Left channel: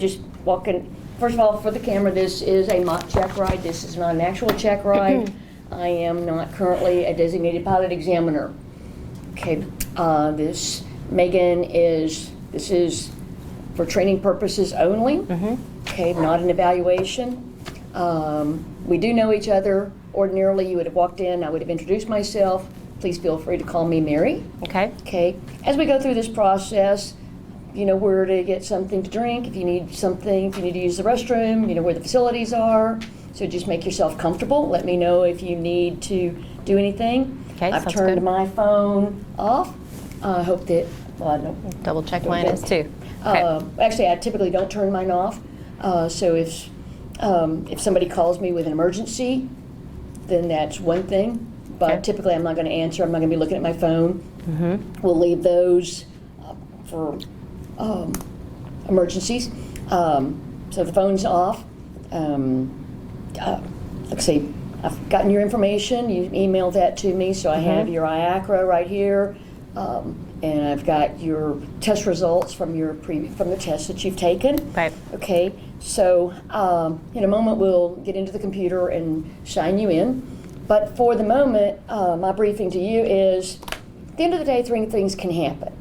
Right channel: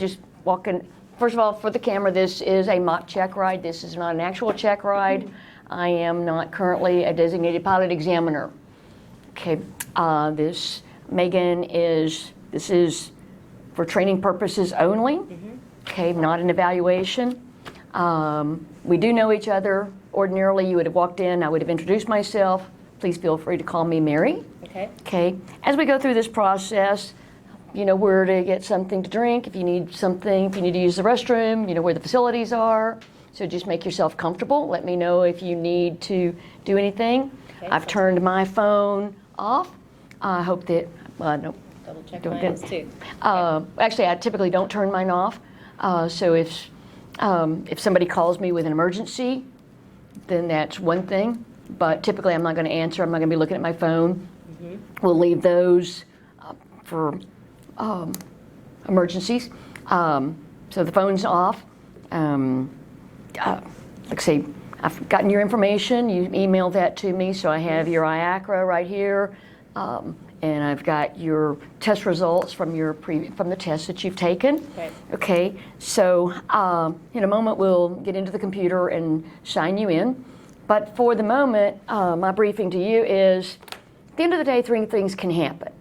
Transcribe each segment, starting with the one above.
just walk in. First of all, for the camera, this is a mock check ride. This is not an actual check ride. I am not currently a designated pilot examiner. Okay, this is for training purposes only. Okay, not an evaluation. We do know each other. Ordinarily, you would have walked in, I would have introduced myself. Please feel free to call me Mary. Okay. Okay, as we go through this process, you know where to get something to drink. If you need something, if you need to use the restroom, you know where the facilities are. So just make yourself comfortable. Let me know if you need to do anything. Okay, I've sounds turned good. my phone off. I hope that, no. Double check Don't mine get- is too. Actually, I typically don't turn mine off. So if somebody calls me with an emergency, then that's one thing. But Okay. typically, I'm not going to answer. I'm not going to be looking at my phone. We'll leave those for emergencies. So the phone's off. Let's see. I've gotten your information. You emailed that to me, so I have your IACRA right here, and I've got your test results from from the test that you've taken. Right. Okay. So in a moment we'll get into the computer and sign you in. But for the moment, my briefing to you is: at the end of the day, three things can happen.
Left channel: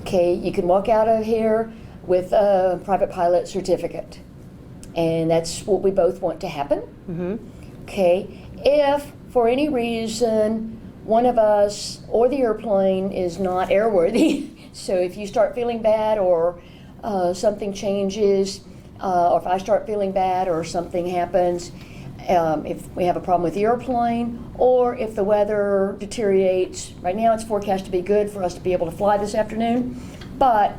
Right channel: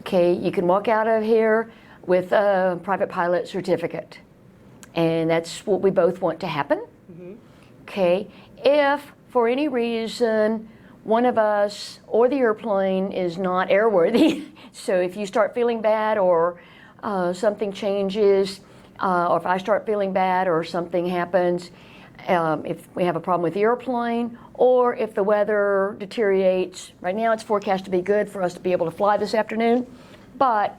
Okay. You can walk out of here with a private pilot certificate, and that's what we both want to happen. Okay, if for any reason one of us or the airplane is not airworthy, so if you start feeling bad or something changes, or if I start feeling bad or something happens, if we have a problem with the airplane, or if the weather deteriorates, right now it's forecast to be good for us to be able to fly this afternoon, but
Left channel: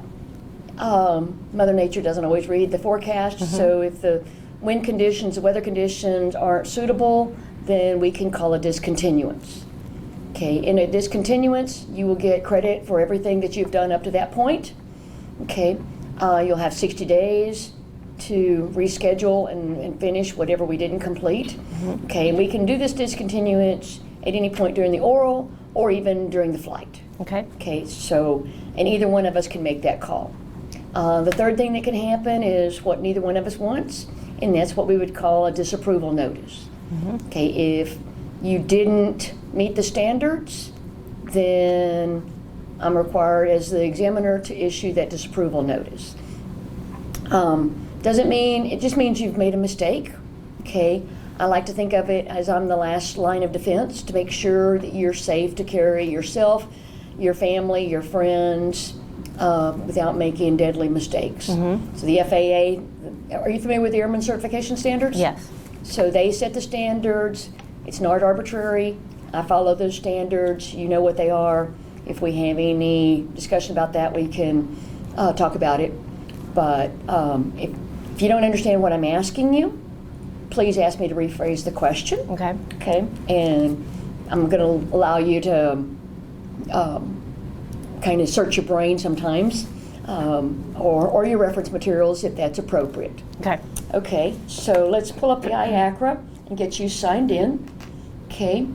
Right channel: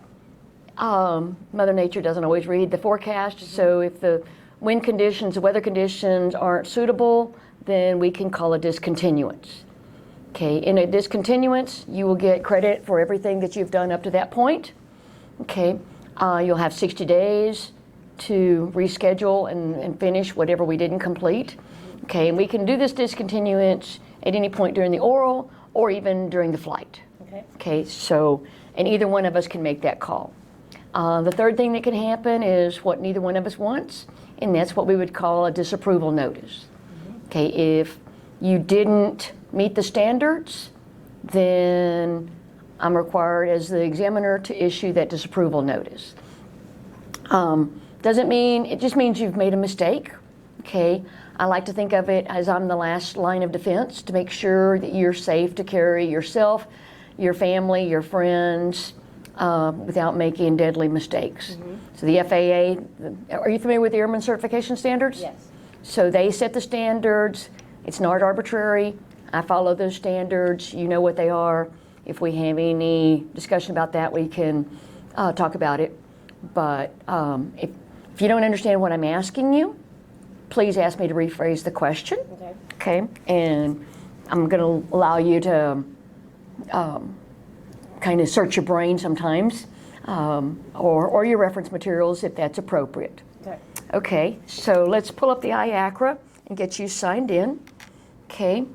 Mother Nature doesn't always read the forecast, so if the wind conditions, the weather conditions aren't suitable, then we can call a discontinuance. Okay, in a discontinuance, you will get credit for everything that you've done up to that point. Okay, you'll have 60 days to reschedule and finish whatever we didn't complete. Okay, and we can do this discontinuance at any point during the oral or even during the flight. Okay. Okay, so, and either one of us can make that call. The third thing that can happen is what neither one of us wants, and that's what we would call a disapproval notice. Okay, if you didn't meet the standards, then I'm required as the examiner to issue that disapproval notice. Doesn't mean, it just means you've made a mistake. Okay, I like to think of it as I'm the last line of defense to make sure that you're safe to carry yourself, your family, your friends, without making deadly mistakes. So the FAA, are you familiar with the Airman Certification Standards? Yes. So they set the standards. It's not arbitrary. I follow those standards. You know what they are. If we have any discussion about that, we can talk about it. But if you don't understand what I'm asking you, please ask me to rephrase the question. Okay. Okay, and I'm going to allow you to kind of search your brain sometimes, or your reference materials if that's appropriate. Okay. Okay, so let's pull up the IACRA and get you signed in. Okay,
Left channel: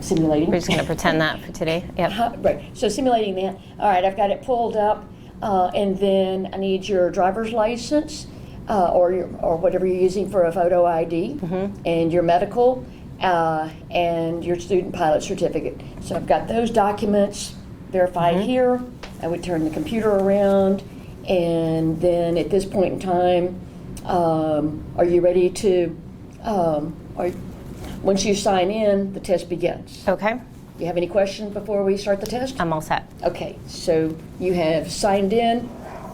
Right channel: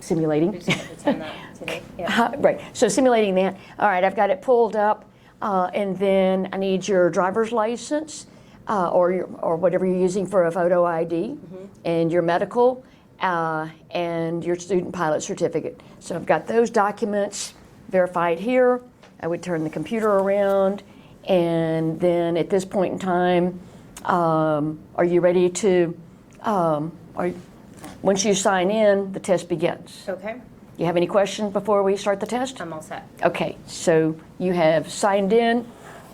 simulating. We're just going to pretend that for today. Yep. Right, so simulating that. All right, I've got it pulled up, and then I need your driver's license, or whatever you're using for a photo ID, and your medical, and your student pilot certificate. So I've got those documents verified here. I would turn the computer around, and then at this point in time, are you ready to, once you sign in, the test begins. Okay. Do you have any questions before we start the test? I'm all set. Okay, so you have signed in.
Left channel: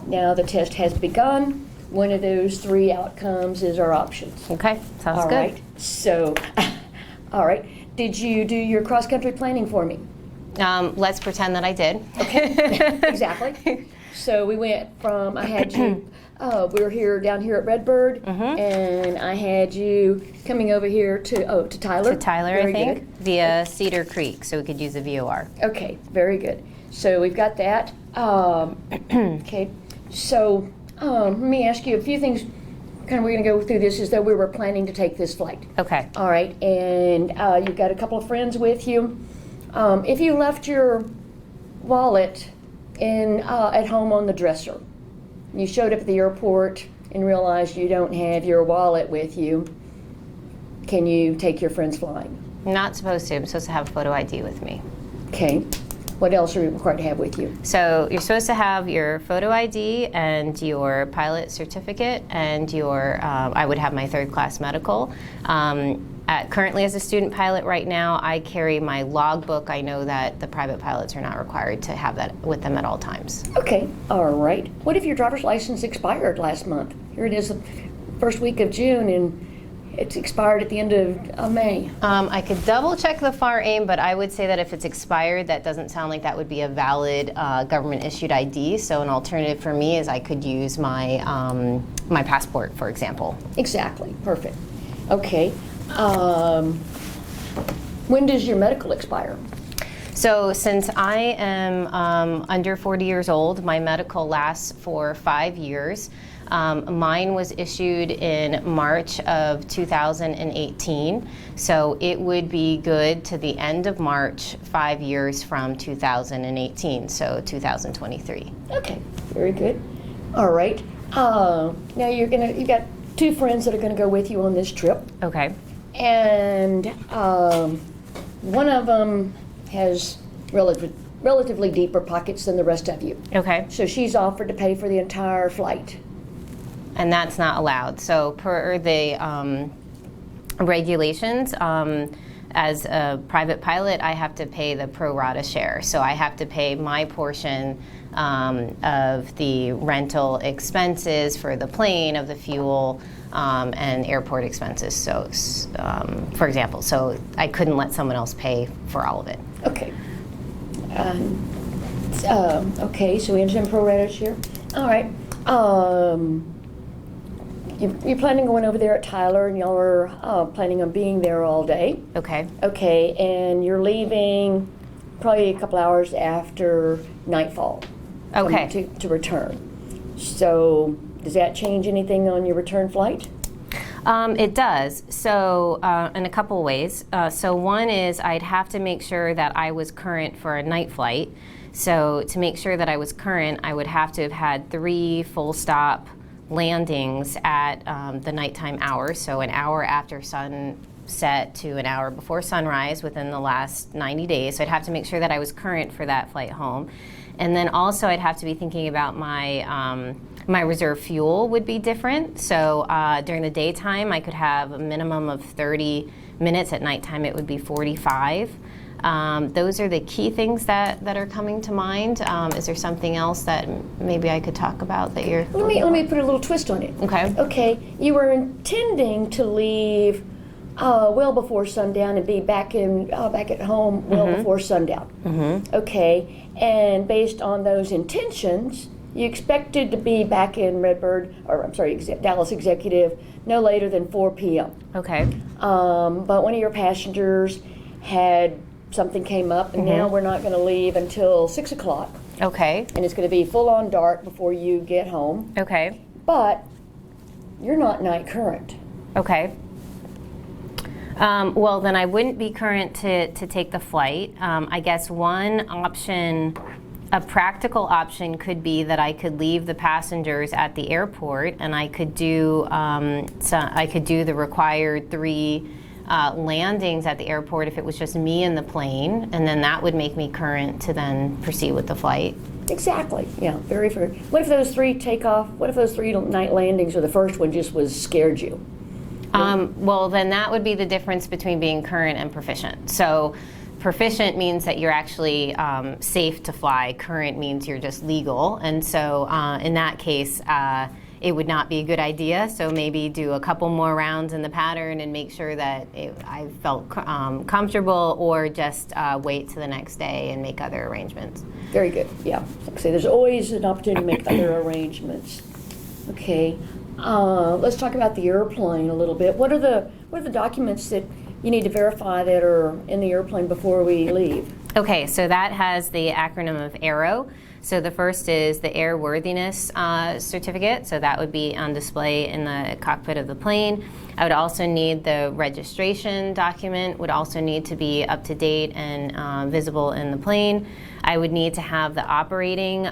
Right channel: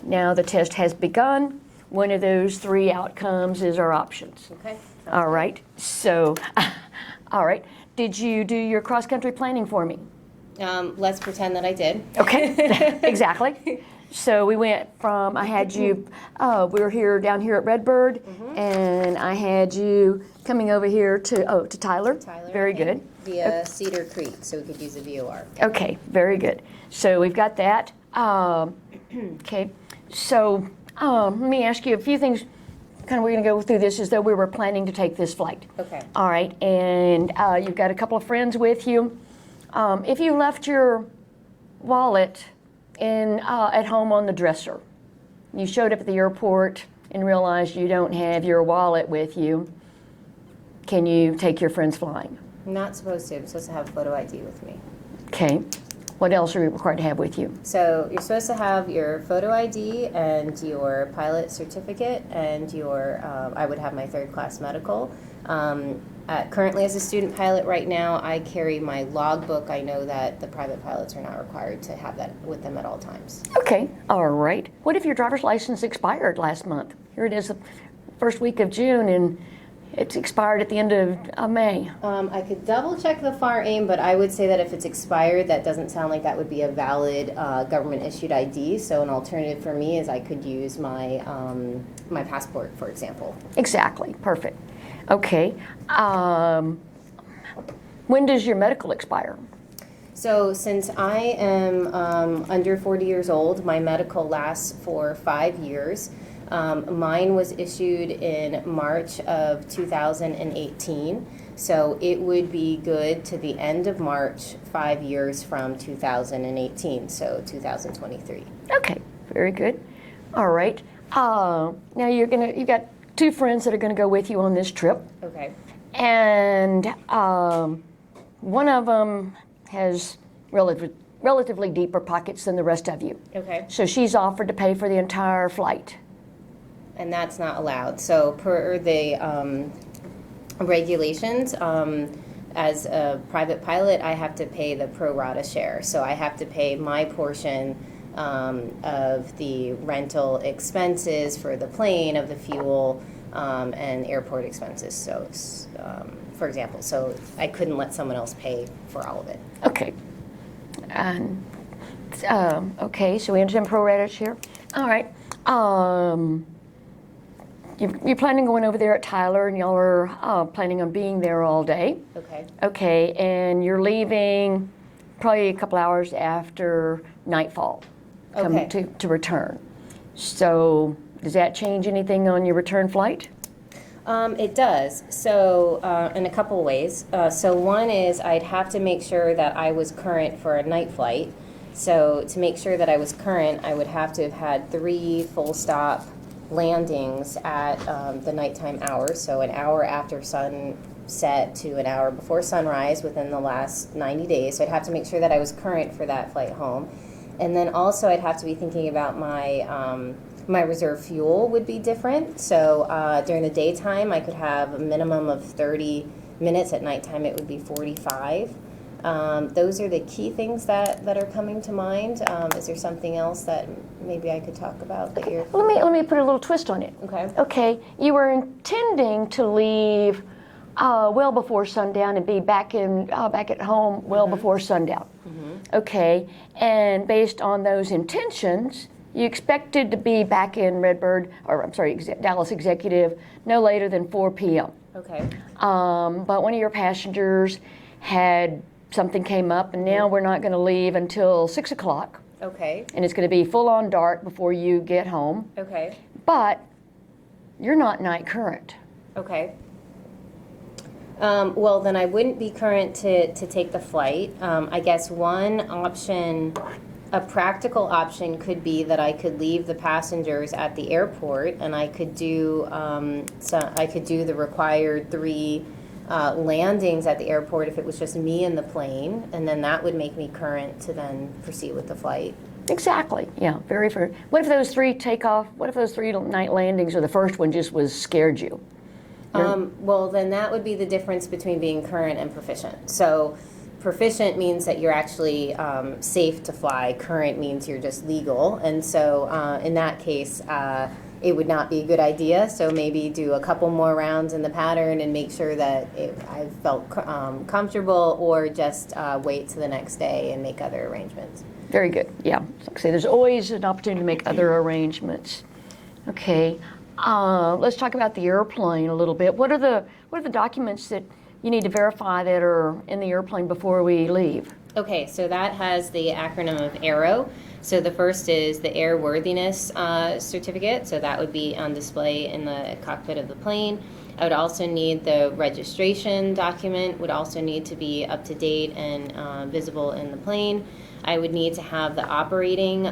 Now the test has begun. One of those three outcomes is our options. Okay. Sounds All good. right, so, all right. Did you do your cross-country planning for me? Let's pretend that I did. Okay, exactly. So we went from, I had you, we were here down here at Redbird, and I had you coming over here to Tyler. To Tyler, Very I think, good. via Cedar Creek, so we could use a VOR. Okay, very good. So we've got that. Okay, so let me ask you a few things. Kind of, we're going to go through this as though we were planning to take this flight. Okay. All right, and you've got a couple of friends with you. If you left your wallet at home on the dresser, you showed up at the airport and realized you don't have your wallet with you, can you take your friends flying? Not supposed to. I'm supposed to have photo ID with me. Okay. What else are you required to have with you? So you're supposed to have your photo ID and your pilot certificate and your, I would have my third class medical. Currently as a student pilot right now, I carry my logbook. I know that the private pilots are not required to have that with them at all times. Okay, all right. What if your driver's license expired last month? Here it is the first week of June and it's expired at the end of May. I could double check the FAR AIM, but I would say that if it's expired, that doesn't sound like that would be a valid government issued ID. So an alternative for me is I could use my, my passport, for example. Exactly, perfect. Okay, when does your medical expire? So since I am under 40 years old, my medical lasts for 5 years. Mine was issued in March of 2018, so it would be good to the end of March, 5 years from 2018, so 2023. Okay, very good. All right. Now you've got two friends that are going to go with you on this trip, Okay. and one of them has relatively deeper pockets than the rest of you. Okay. So she's offered to pay for the entire flight. And that's not allowed. So per the regulations, as a private pilot, I have to pay the pro rata share. So I have to pay my portion of the rental expenses for the plane, of the fuel, and airport expenses. So, for example, so I couldn't let someone else pay for all of it. Okay. Okay, so we understand pro rata share. All right. You're planning on going over there at Tyler, and y'all are planning on being there all day. Okay. Okay, and you're leaving probably a couple hours after nightfall. Okay. To return. So does that change anything on your return flight? It does. So in a couple ways. So one is I'd have to make sure that I was current for a night flight. So to make sure that I was current, I would have to have had 3 full stop landings at the nighttime hours, so an hour after sunset to an hour before sunrise within the last 90 days. So I'd have to make sure that I was current for that flight home. And then also I'd have to be thinking about my my reserve fuel would be different. So during the daytime I could have a minimum of 30 minutes. At nighttime it would be 45. Those are the key things that are coming to mind. Is there something else that maybe I could talk about that you're... Let me put a little twist on it. Okay. Okay, you were intending to leave well before sundown and be back at home well before sundown. Mm-hmm. Okay, and based on those intentions, you expected to be back in Dallas Executive no later than 4 p.m. Okay. But one of your passengers had something came up, and now we're not going to leave until 6 o'clock. Okay. And it's going to be full on dark before you get home. Okay. But you're not night current. Okay. Well, then I wouldn't be current to take the flight. I guess one option, a practical option, could be that I could leave the passengers at the airport, and I could do the required 3 landings at the airport if it was just me in the plane, and then that would make me current to then proceed with the flight. Exactly. Yeah. Very fair. What if those 3 take off? What if those 3 night landings, or the first one just scared you? Well, then that would be the difference between being current and proficient. So proficient means that you're actually safe to fly. Current means you're just legal. And so in that case, it would not be a good idea. So maybe do a couple more rounds in the pattern and make sure that I felt comfortable, or just wait to the next day and make other arrangements. Very good. Yeah. Like I say, there's always an opportunity to make other arrangements. Okay. Let's talk about the airplane a little bit. What are the documents that you need to verify that are in the airplane before we leave? Okay, so that has the acronym of AERO. So the first is the airworthiness certificate, so that would be on display in the cockpit of the plane. I would also need the registration document, would also need to be up to date and visible in the plane. I would need to have the operating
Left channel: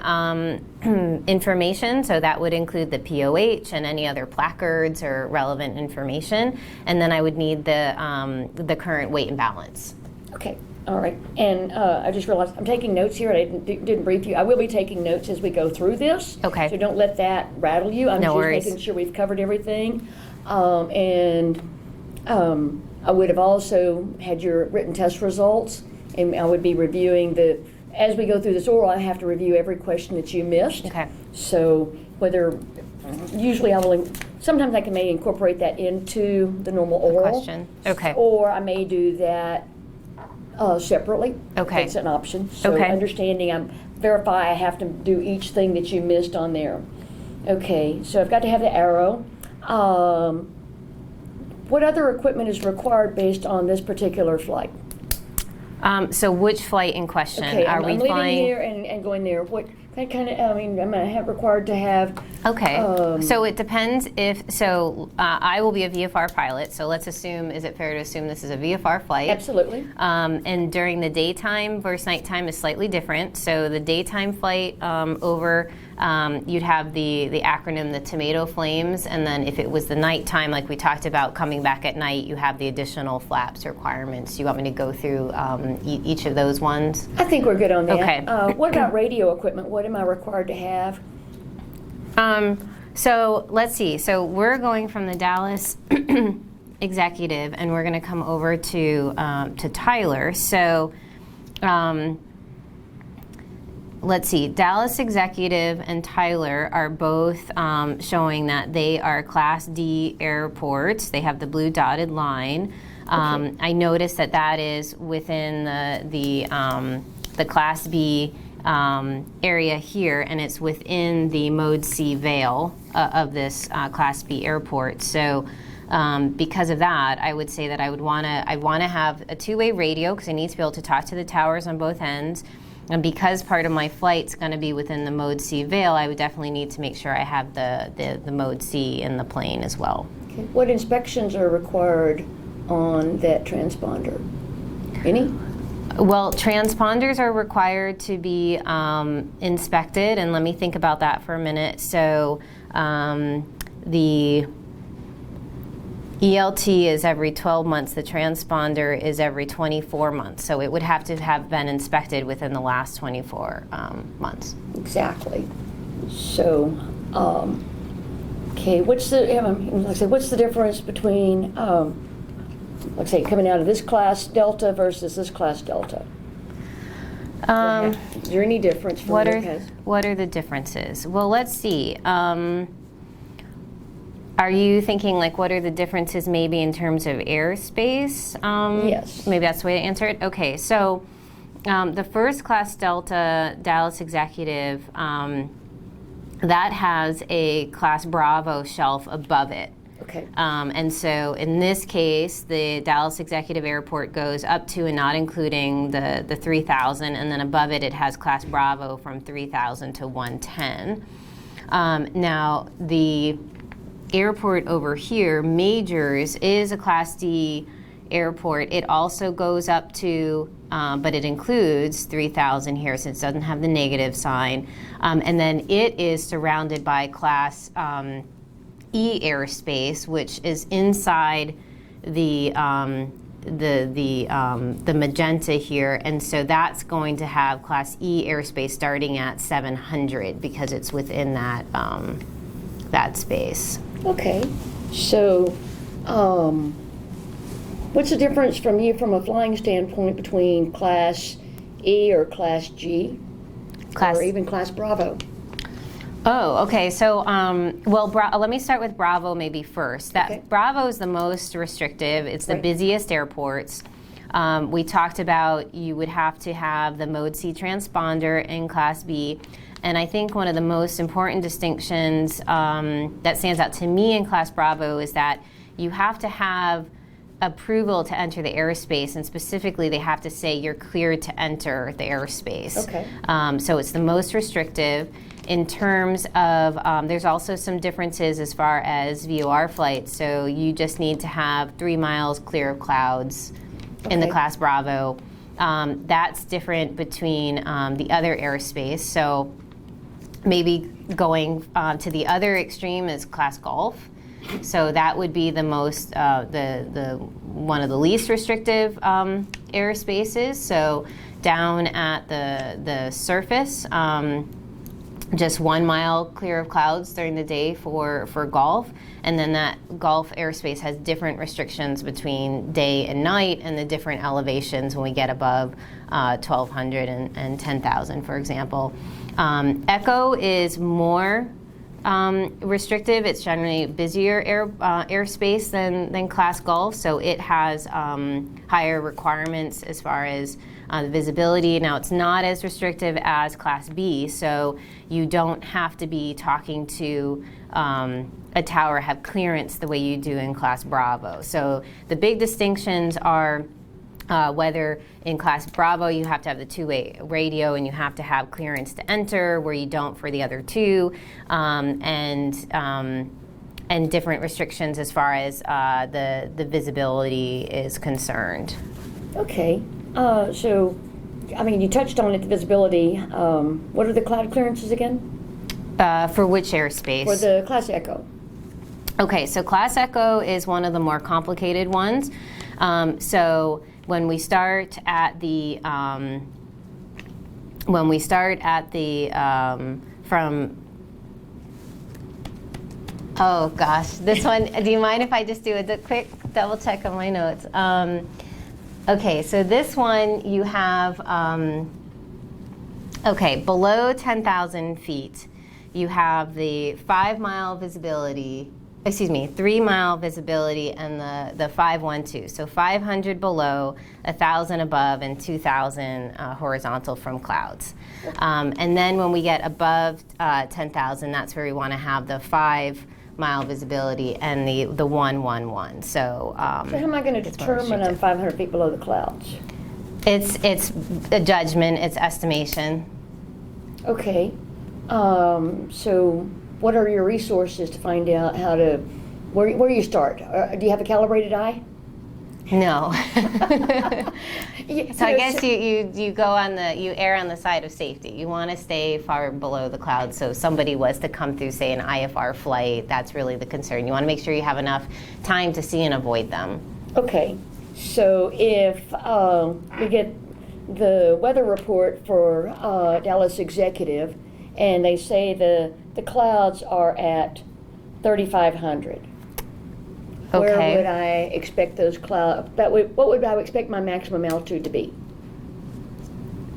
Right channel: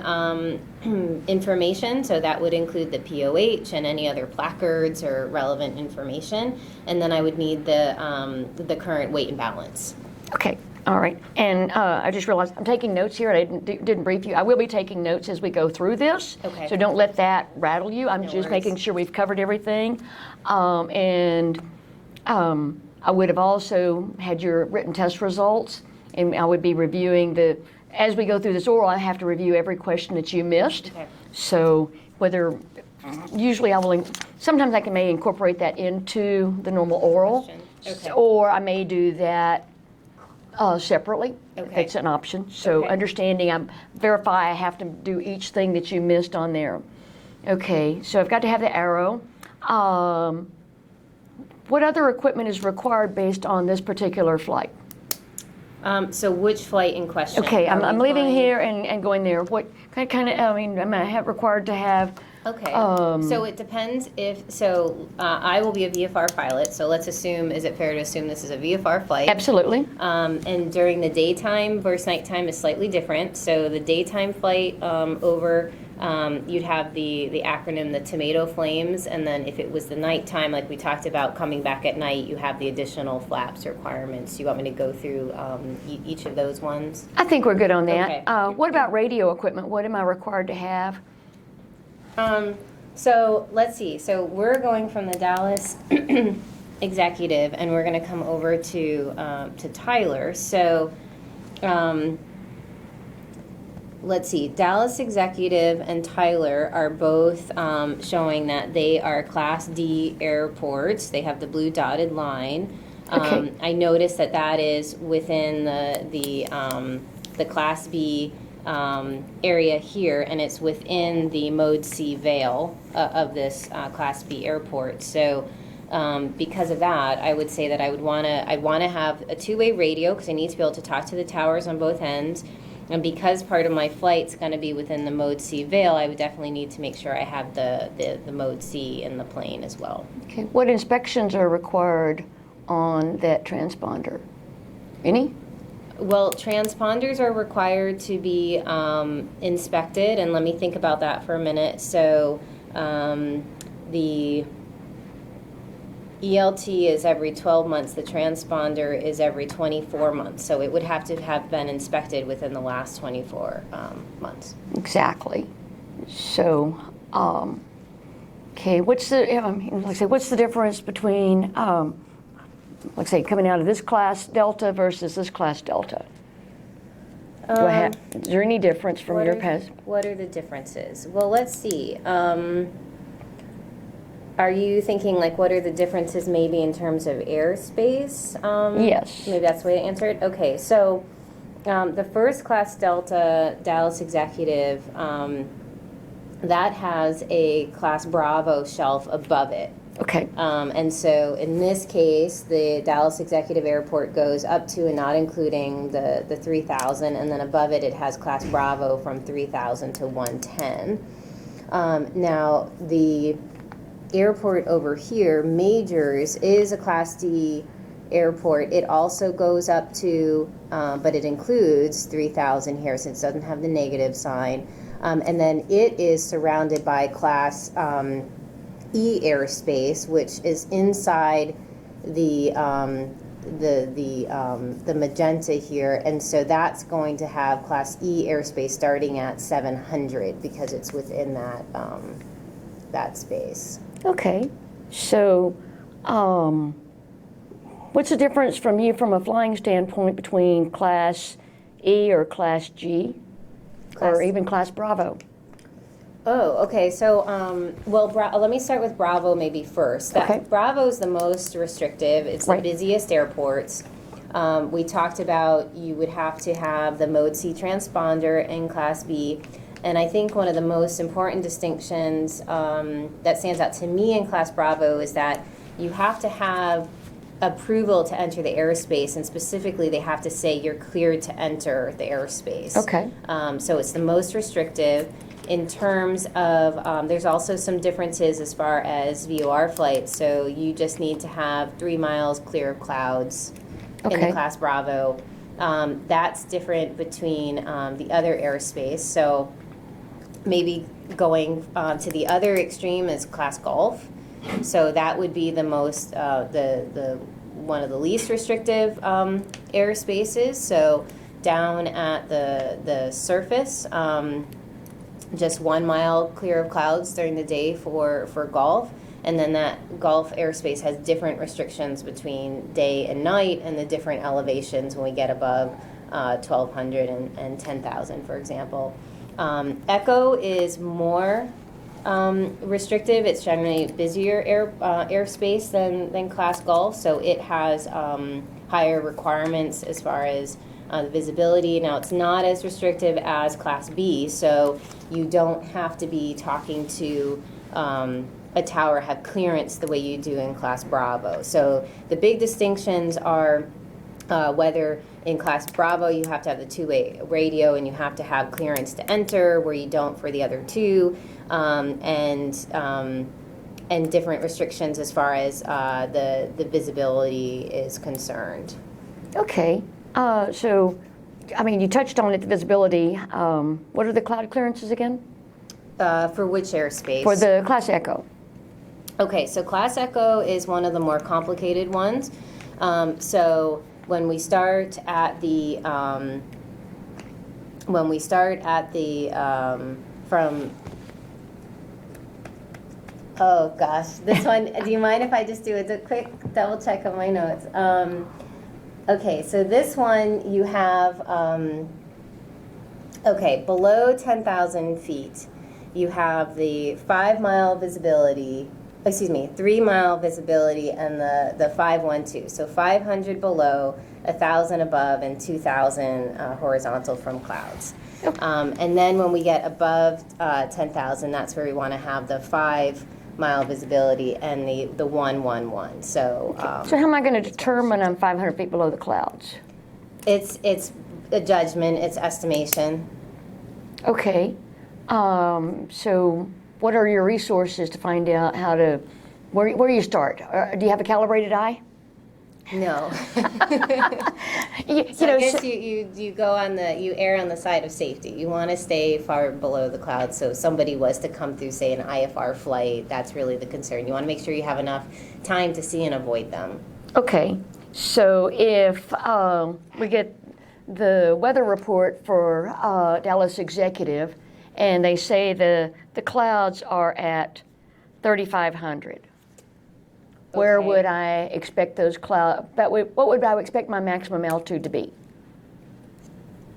information, so that would include the POH and any other placards or relevant information. And then I would need the current weight and balance. Okay, all right. And I just realized I'm taking notes here. I didn't brief you. I will be taking notes as we go through this. Okay. So don't let that rattle you. I'm No just worries. making sure we've covered everything. I would have also had your written test results, and I would be reviewing as we go through this oral, I have to review every question that you missed. Okay. So usually sometimes I may incorporate that into the normal oral. Question. Okay. Or I may do that separately. Okay. It's an option. So Okay. understanding, verify I have to do each thing that you missed on there. Okay, so I've got to have the arrow. What other equipment is required based on this particular flight? So which flight in question? Okay, Are I'm we leaving flying- here and going there. What kind of, am I required to have? Okay, so it depends I will be a VFR pilot, so let's assume, is it fair to assume this is a VFR flight? Absolutely. And during the daytime versus nighttime is slightly different. So the daytime flight you'd have the acronym, the tomato flames, and then if it was the nighttime, like we talked about, coming back at night, you have the additional flaps requirements. You want me to go through each of those ones? I think we're good on that. Okay. What about radio equipment? What am I required to have? So let's see. So we're going from the Dallas executive, and we're going to come over to Tyler. So let's see. Dallas executive and Tyler are both showing that they are Class D airports. They have the blue dotted line. Okay. I noticed that is within the Class B area here, and it's within the Mode C veil of this Class B airport. So because of that, I would say that I'd want to have a two-way radio, because I need to be able to talk to the towers on both ends. And because part of my flight's going to be within the Mode C veil, I would definitely need to make sure I have the Mode C in the plane as well. Okay. What inspections are required on that transponder? Any? Well, transponders are required to be inspected, and let me think about that for a minute. So the ELT is every 12 months. The transponder is every 24 months. So it would have to have been inspected within the last 24 months. Exactly. So, okay, what's the difference between, let's say, coming out of this class Delta versus this class Delta? Is there any difference from your past? What are the differences? Well, let's see. Are you thinking, like, what are the differences maybe in terms of airspace? Yes. Maybe that's the way to answer it? Okay, so the first class Delta Dallas Executive, that has a Class Bravo shelf above it. Okay. And so in this case, the Dallas Executive Airport goes up to and not including the 3,000, and then above it, it has Class Bravo from 3,000 to 110. Now, the airport over here, Majors, is a Class D airport. It also goes up to, but it includes 3,000 here since it doesn't have the negative sign. And then it is surrounded by Class E airspace, which is inside the magenta here, and so that's going to have Class E airspace starting at 700 because it's within that that space. Okay. So, what's the difference from a flying standpoint between Class E or Class G, or even Class Bravo? Oh, okay. So, let me start with Bravo maybe first. Okay. Bravo is the most restrictive. It's the Right. busiest airports. We talked about you would have to have the Mode C transponder in Class B. And I think one of the most important distinctions that stands out to me in Class Bravo is that you have to have approval to enter the airspace, and specifically they have to say you're cleared to enter the airspace. Okay. So it's the most restrictive. In terms of, there's also some differences as far as VOR flights. So you just need to have 3 miles clear of clouds in the Okay. class Bravo. That's different between the other airspace. So maybe going to the other extreme is class Golf. So that would be the most, the one of the least restrictive airspaces. So down at the surface, just 1 mile clear of clouds during the day for Golf. And then that Golf airspace has different restrictions between day and night, and the different elevations when we get above 1,200 and 10,000, for example. Echo is more restrictive. It's generally busier airspace than class Golf, so it has higher requirements as far as the visibility. Now, it's not as restrictive as class B, so you don't have to be talking to a tower, have clearance the way you do in class Bravo. So the big distinctions are whether in class Bravo you have to have the two-way radio and you have to have clearance to enter, where you don't for the other two, and different restrictions as far as the visibility is concerned. Okay. So, I mean, you touched on it, the visibility. What are the cloud clearances again? For which airspace? For the Class Echo. Okay, so Class Echo is one of the more complicated ones. So when we start at the from, oh gosh, this one. Do you mind if I just do a quick double check on my notes? Okay, so this one you have. Okay, below 10,000 feet, you have the 5 mile visibility. Excuse me, 3 mile visibility and the 512. So 500 below, 1,000 above, and 2,000 horizontal from clouds. Okay. And then when we get above 10,000, that's where we want to have the 5 mile visibility and the 111. So So how am I going to determine I'm 500 feet below the clouds? it's a judgment, it's estimation. Okay. So what are your resources to find out how to, where you start? Do you have a calibrated eye? No. You So know, I guess you go on you err on the side of safety. You want to stay far below the clouds. So if somebody was to come through, say, an IFR flight, that's really the concern. You want to make sure you have enough time to see and avoid them. Okay. So if we get the weather report for Dallas Executive, and they say the clouds are at 3,500. Where Okay. would I expect those clouds? What would I expect my maximum altitude to be?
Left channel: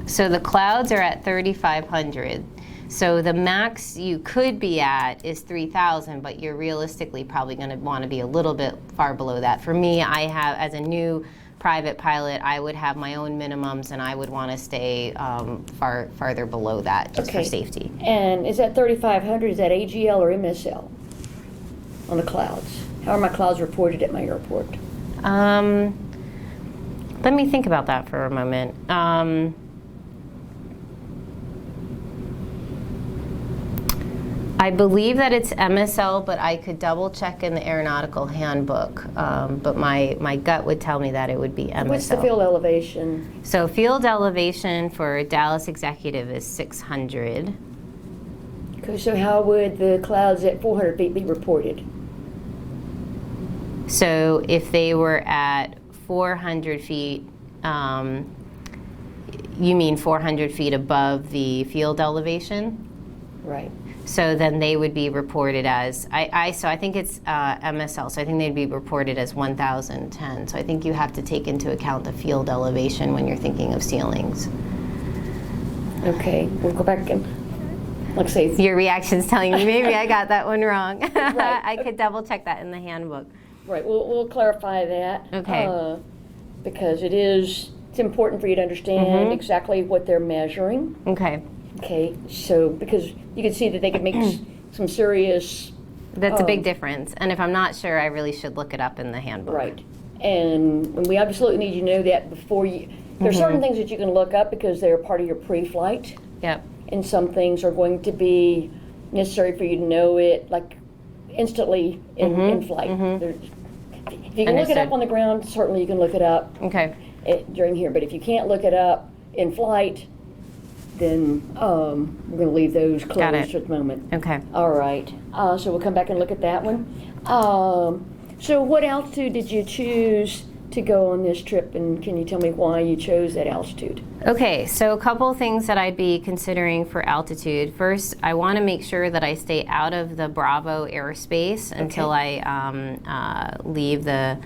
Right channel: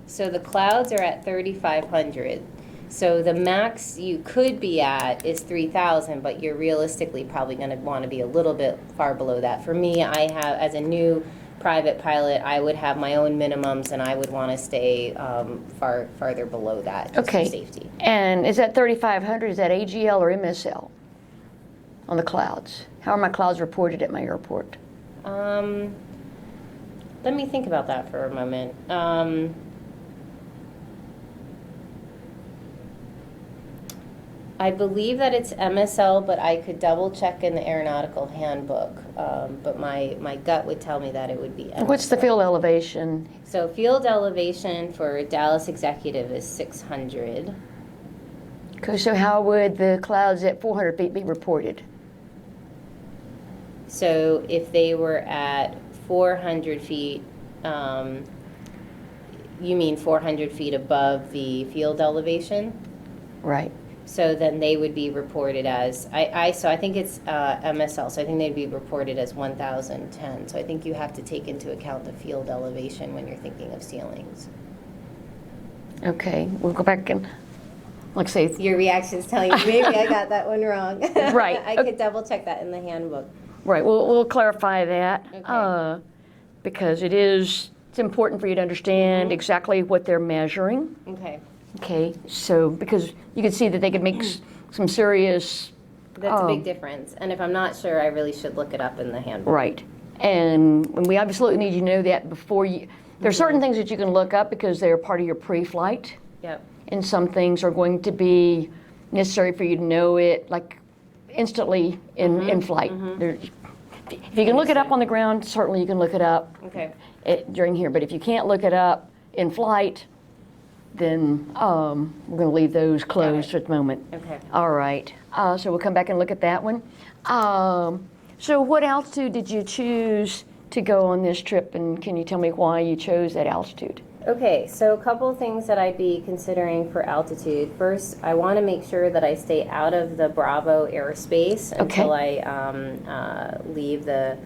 So the clouds are at 3,500. So the max you could be at is 3,000, but you're realistically probably going to want to be a little bit far below that. For me, I have, as a new private pilot, I would have my own minimums, and I would want to stay farther below that just for safety. And is that 3,500? Is that AGL or MSL on the clouds? How are my clouds reported at my airport? Let me think about that for a moment. I believe that it's MSL, but I could double check in the aeronautical handbook. But my gut would tell me that it would be MSL. What's the field elevation? So field elevation for Dallas Executive is 600. Okay, so how would the clouds at 400 feet be reported? So if they were at 400 feet, you mean 400 feet above the field elevation? Right. So then they would be reported as, so I think it's MSL, so I think they'd be reported as 1,010. So I think you have to take into account the field elevation when you're thinking of ceilings. Okay, we'll go back and, let's see. Your reaction's telling me maybe I got that one wrong. Right. I could double check that in the handbook. Right, we'll clarify that. Okay. Because it's important for you to understand exactly what they're measuring. Okay. Okay, so because you can see that they could make some serious. That's a big difference. And if I'm not sure, I really should look it up in the handbook. Right. And we absolutely need you to know that before you, there's certain things that you can look up because they're part of your pre-flight. Yep. And some things are going to be necessary for you to know it like instantly in flight. If you can look it up on the ground, certainly you can look it up during here. But if you can't look it up in flight, then we're going to leave those closed at the moment. Okay. All right. So we'll come back and look at that one. So what altitude did you choose to go on this trip, and can you tell me why you chose that altitude? Okay, so a couple of things that I'd be considering for altitude. First, I want to make sure that I stay out of the Bravo airspace until I leave the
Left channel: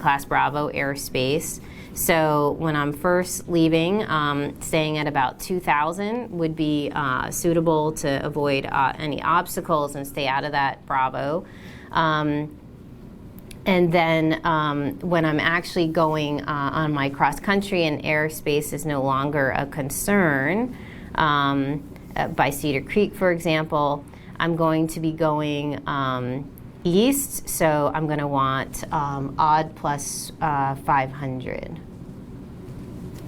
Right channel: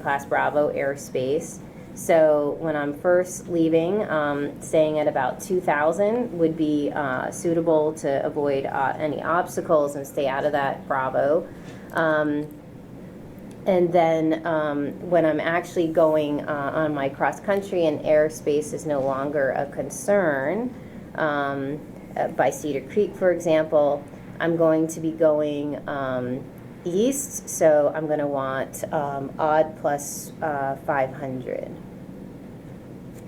Class Bravo airspace. So when I'm first leaving, staying at about 2,000 would be suitable to avoid any obstacles and stay out of that Bravo. And then when I'm actually going on my cross country and airspace is no longer a concern, by Cedar Creek, for example, I'm going to be going east, so I'm going to want odd plus 500.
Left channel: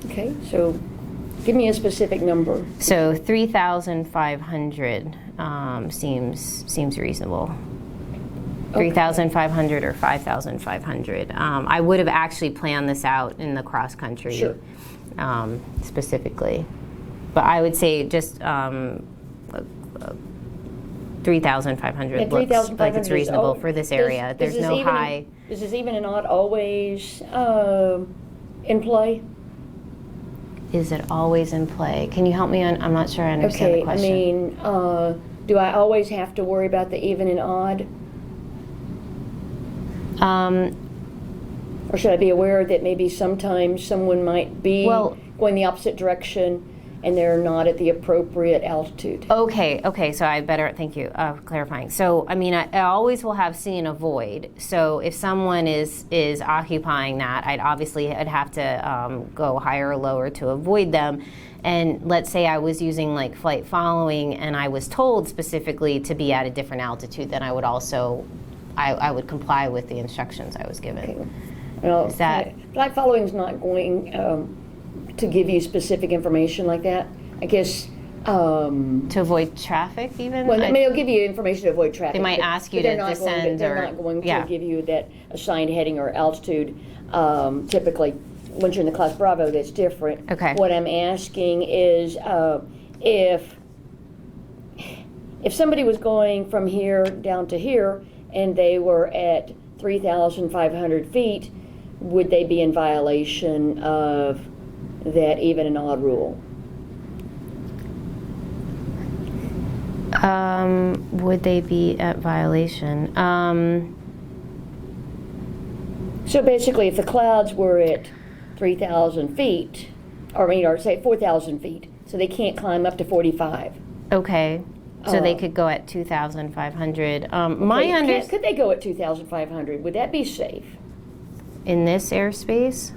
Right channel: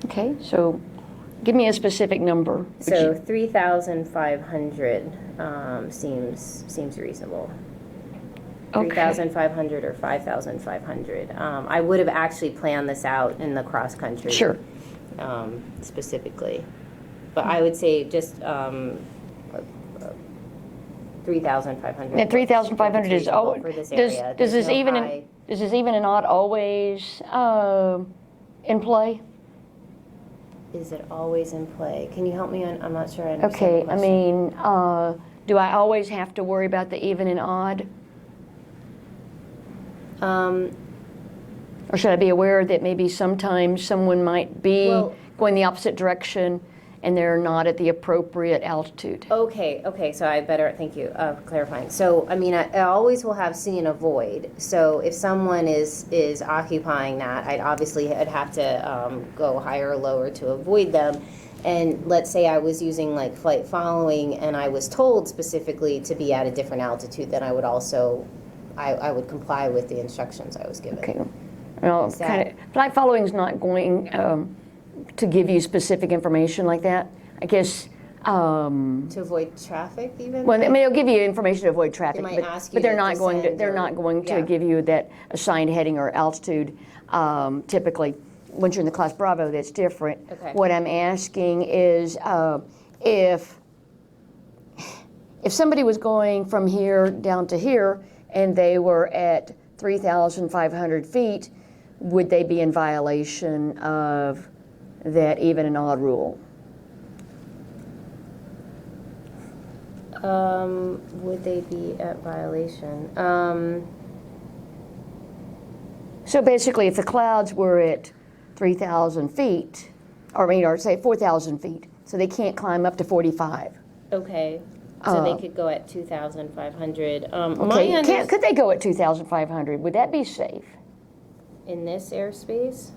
Okay, so give me a specific number. So 3,500 seems reasonable. 3,500 or 5,500. I would have actually planned this out in the cross country. Sure. Specifically. But I would say just 3,500 And 3,500 is reasonable for this area. There's no high. Is this even and odd always in play? Is it always in play? Can you help me on? I'm not sure I understand the question. I mean, do I always have to worry about the even and odd? Or should I be aware that maybe sometimes someone might be going the opposite direction and they're not at the appropriate altitude? Okay, so I better, thank you for clarifying. So, I mean, I always will have see and avoid. So if someone is occupying that, I'd have to go higher or lower to avoid them. And let's say I was using like flight following and I was told specifically to be at a different altitude, then I would also I would comply with the instructions I was given. Okay. Well, flight following is not going to give you specific information like that. I guess. To avoid traffic, even. Well, I mean, they'll give you information to avoid traffic. They might ask you but they're to not descend going to. They're not going to give you that assigned heading or altitude. Typically, once you're in the Class Bravo, that's different. Okay. What I'm asking is if somebody was going from here down to here, and they were at 3,500 feet, would they be in violation of that even and odd rule? Would they be at violation? So basically, if the clouds were at 3,000 feet, or say 4,000 feet, so they can't climb up to 45. Okay. So they could go at 2,500. Could they go at 2,500? Would that be safe? In this airspace?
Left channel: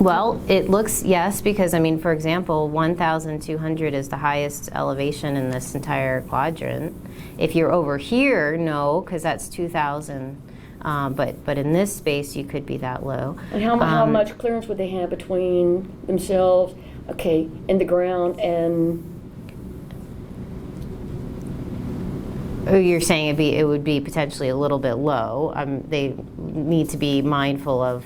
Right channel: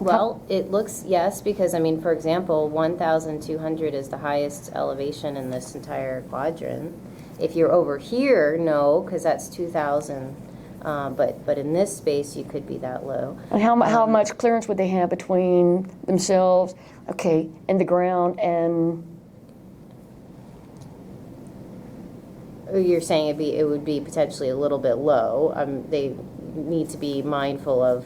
Well, it looks, yes, because, I mean, for example, 1,200 is the highest elevation in this entire quadrant. If you're over here, no, because that's 2,000. But in this space, you could be that low. And how much clearance would they have between themselves, and the ground and? Oh, you're saying it would be potentially a little bit low. They need to be mindful of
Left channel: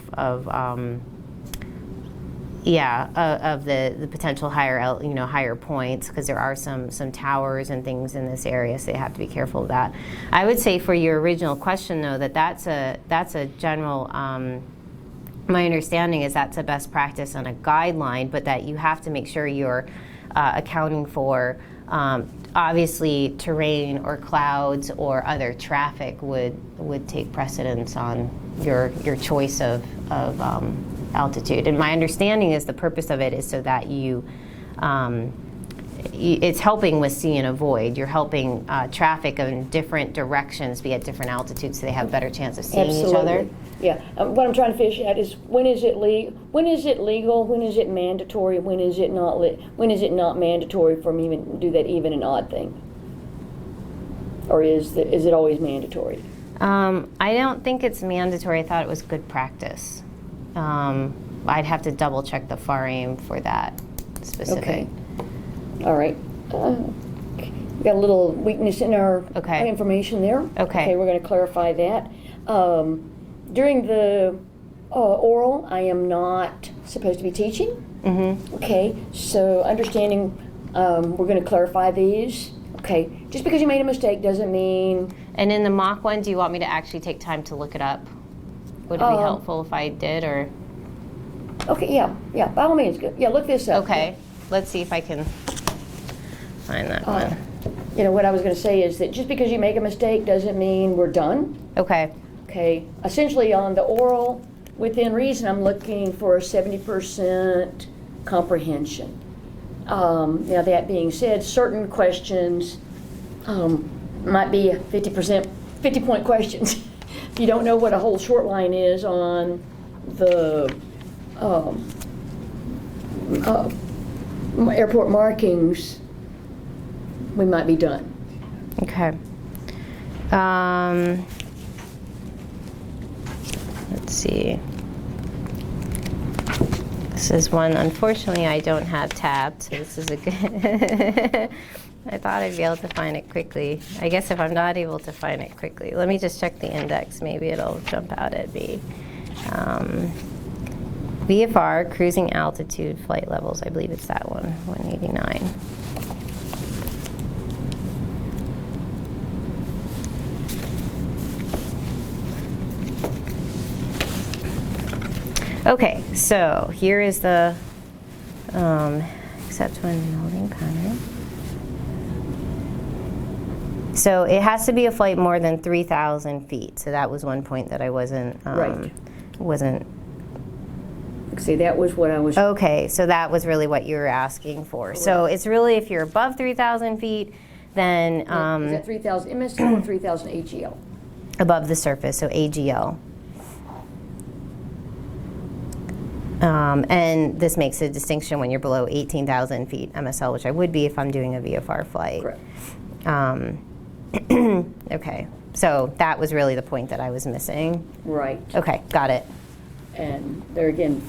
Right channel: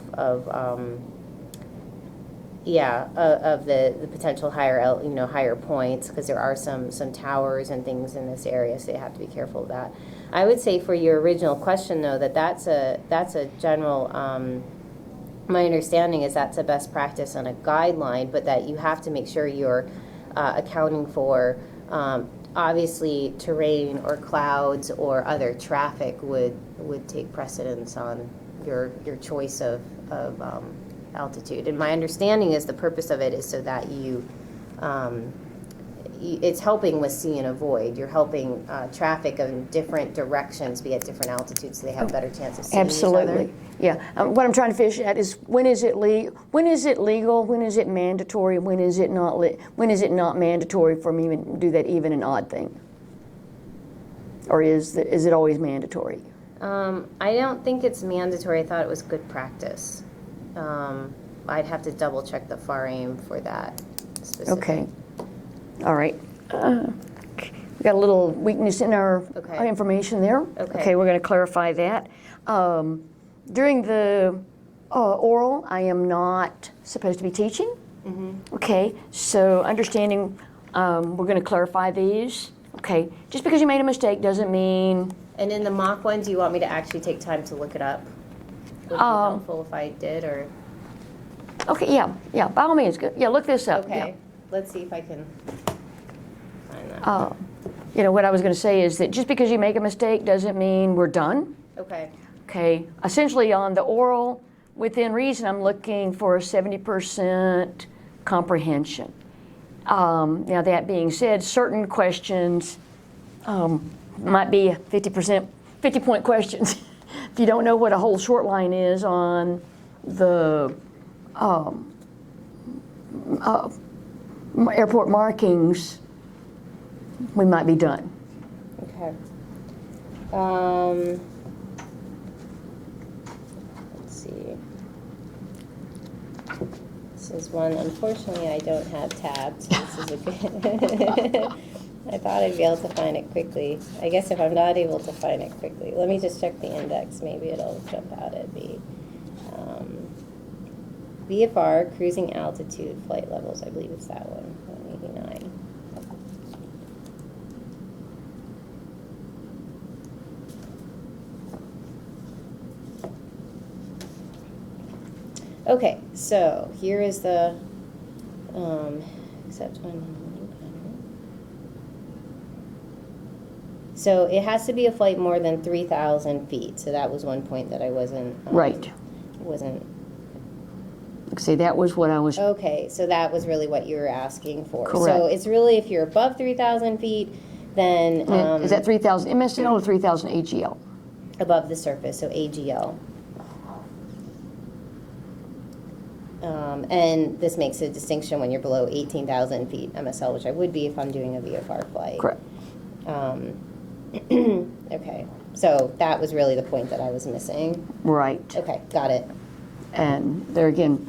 the potential higher points, because there are some towers and things in this area, so they have to be careful of that. I would say for your original question, though, that's a general. My understanding is that's a best practice and a guideline, but that you have to make sure you're accounting for. Obviously, terrain or clouds or other traffic would take precedence on your choice of altitude. And my understanding is the purpose of it is so that you it's helping with see and avoid. You're helping traffic in different directions be at different altitudes, so they have a better chance of seeing each other. Absolutely. Yeah. What I'm trying to fish at is when is it legal? When is it mandatory? When is it not? When is it not mandatory for me to do that even and odd thing? Or is it always mandatory? I don't think it's mandatory. I thought it was good practice. I'd have to double check the FAR aim for that specific. Okay. All right. We got a little weakness in our information there. Okay. Okay, we're going to clarify that. During the oral, I am not supposed to be teaching. Mm-hmm. Okay, so understanding, we're going to clarify these. Okay, just because you made a mistake doesn't mean... And in the mock one, do you want me to actually take time to look it up? Would it be helpful if I did, or? Okay, yeah, by all means, good. Yeah, look this up. Okay, yeah. Let's see if I can find that one. You know, what I was going to say is that just because you make a mistake doesn't mean we're done. Okay. Okay, essentially on the oral, within reason, I'm looking for a 70% comprehension. Now that being said, certain questions might be 50-point questions. If you don't know what a whole short line is on the airport markings, we might be done. Okay. Let's see. This is one, unfortunately, I don't have tabbed, so this is a good... I thought I'd be able to find it quickly. I guess if I'm not able to find it quickly, let me just check the index. Maybe it'll jump out at me. VFR, cruising altitude, flight levels. I believe it's that one, 189. Okay, so here is the except when holding pattern. So it has to be a flight more than 3,000 feet. So that was one point that I wasn't wasn't. See, that was what I was. Okay, so that was really what you were asking for. Correct. So it's really if you're above 3,000 feet, then is that 3,000 MSL or 3,000 AGL? Above the surface, so AGL. And this makes a distinction when you're below 18,000 feet MSL, which I would be if I'm doing a VFR flight. Correct. Okay, so that was really the point that I was missing. Right. Okay, got it. And there again,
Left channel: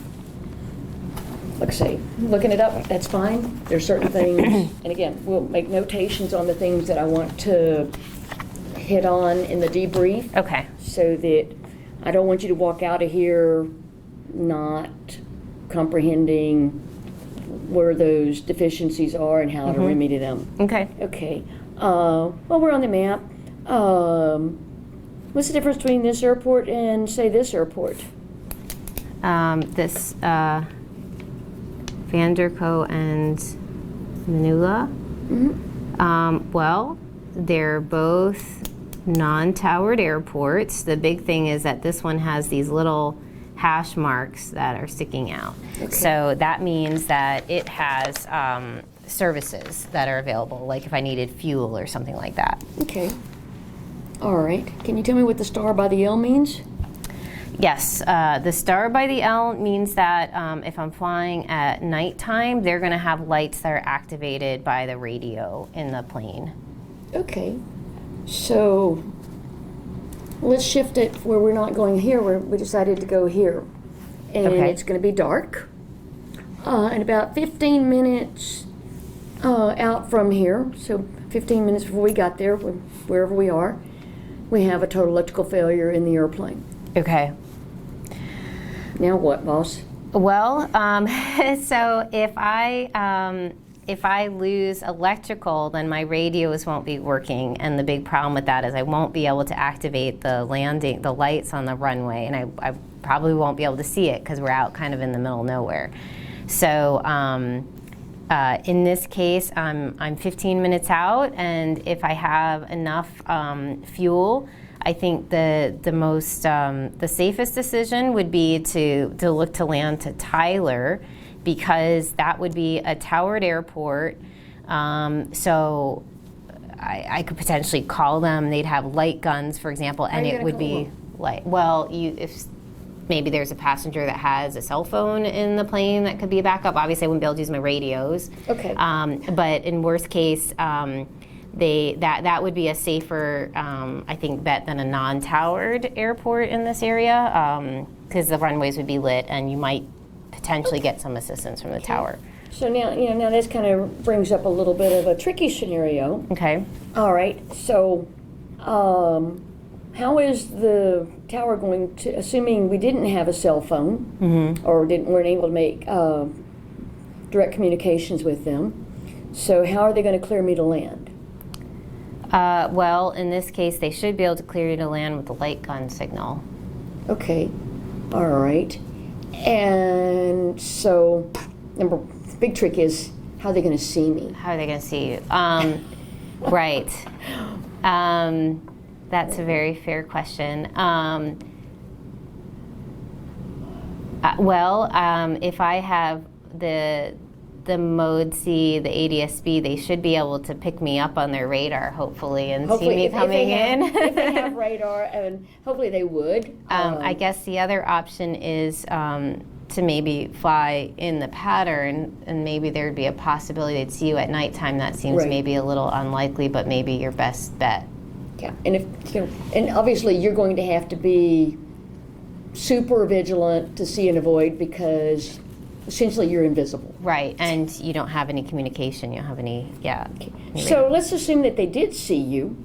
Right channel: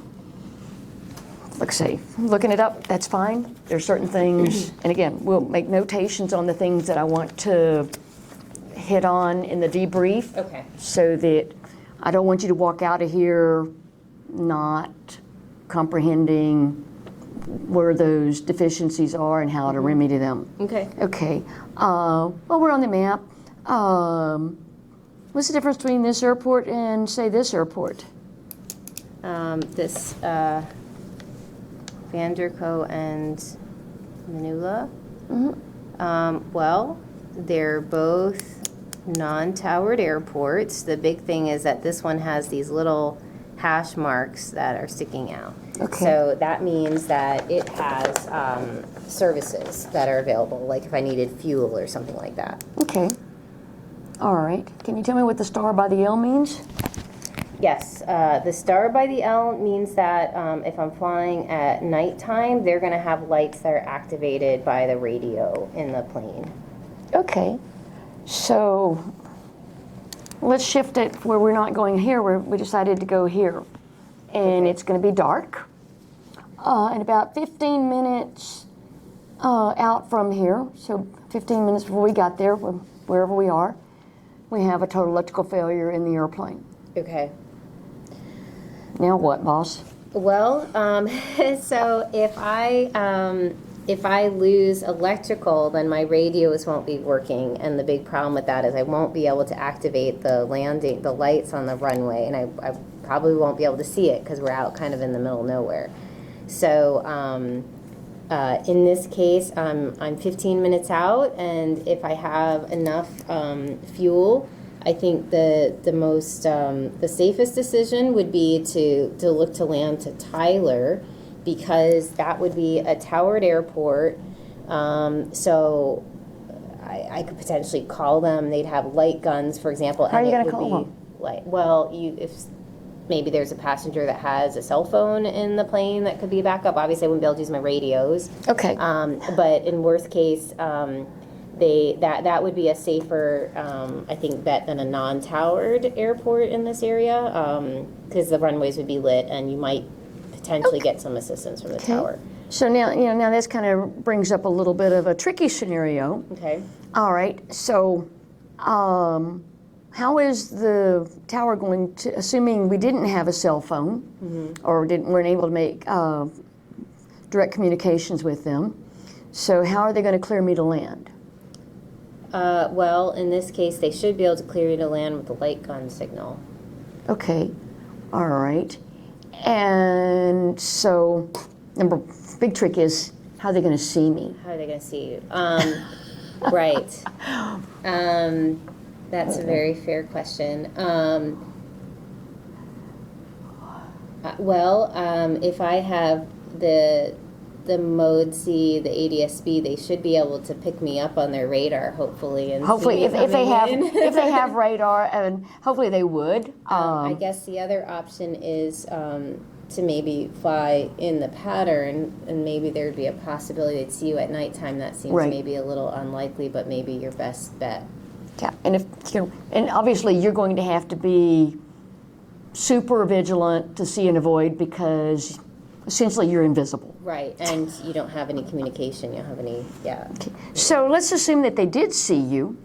like I say, looking it up, that's fine. There's certain things, and again, we'll make notations on the things that I want to hit on in the debrief. Okay. So that I don't want you to walk out of here not comprehending where those deficiencies are and how to remedy them. Okay. Okay. Well, we're on the map. What's the difference between this airport and, say, this airport? This Vanderco and Manila. Mm-hmm. Well, they're both non-towered airports. The big thing is that this one has these little hash marks that are sticking out. Okay. So that means that it has services that are available, like if I needed fuel or something like that. Okay. All right. Can you tell me what the star by the L means? Yes. The star by the L means that if I'm flying at nighttime, they're going to have lights that are activated by the radio in the plane. Okay. So let's shift it where we're not going here, where we decided to go here. And it's going to be dark. And about 15 minutes out from here, so 15 minutes before we got there, wherever we are, we have a total electrical failure in the airplane. Okay. Now what, boss? Well, so if I lose electrical, then my radios won't be working, and the big problem with that is I won't be able to activate the lights on the runway, and I probably won't be able to see it because we're out kind of in the middle of nowhere. So in this case, I'm 15 minutes out, and if I have enough fuel, I think the safest decision would be to look to land to Tyler, because that would be a towered airport. So I could potentially call them. They'd have light guns, for example, How are and you it gonna would call be them? light. Well, if maybe there's a passenger that has a cell phone in the plane that could be a backup. Obviously, I wouldn't be able to use my radios. Okay. But in worst case, that would be a safer, I think, bet than a non-towered airport in this area, because the runways would be lit, and you might potentially get some assistance from the tower. So now, now this kind of brings up a little bit of a tricky scenario. Okay. All right, so how is the tower going to, assuming we didn't have a cell phone or weren't able to make direct communications with them, so how are they going to clear me to land? Well, in this case, they should be able to clear you to land with the light gun signal. Okay, all right. And so, big trick is, how are they going to see me? How are they going to see you? Right. That's a very fair question. If I have the mode C, the ADS-B, they should be able to pick me up on their radar, hopefully, and see me if they coming have in. if they have radar, and hopefully they would. I guess the other option is to maybe fly in the pattern, and maybe there'd be a possibility they'd see you at nighttime. That seems Right. maybe a little unlikely, but maybe your best bet. Yeah, and and obviously you're going to have to be super vigilant to see and avoid, because essentially you're invisible. Right, and you don't have any communication. You don't have any, So let's assume that they did see you,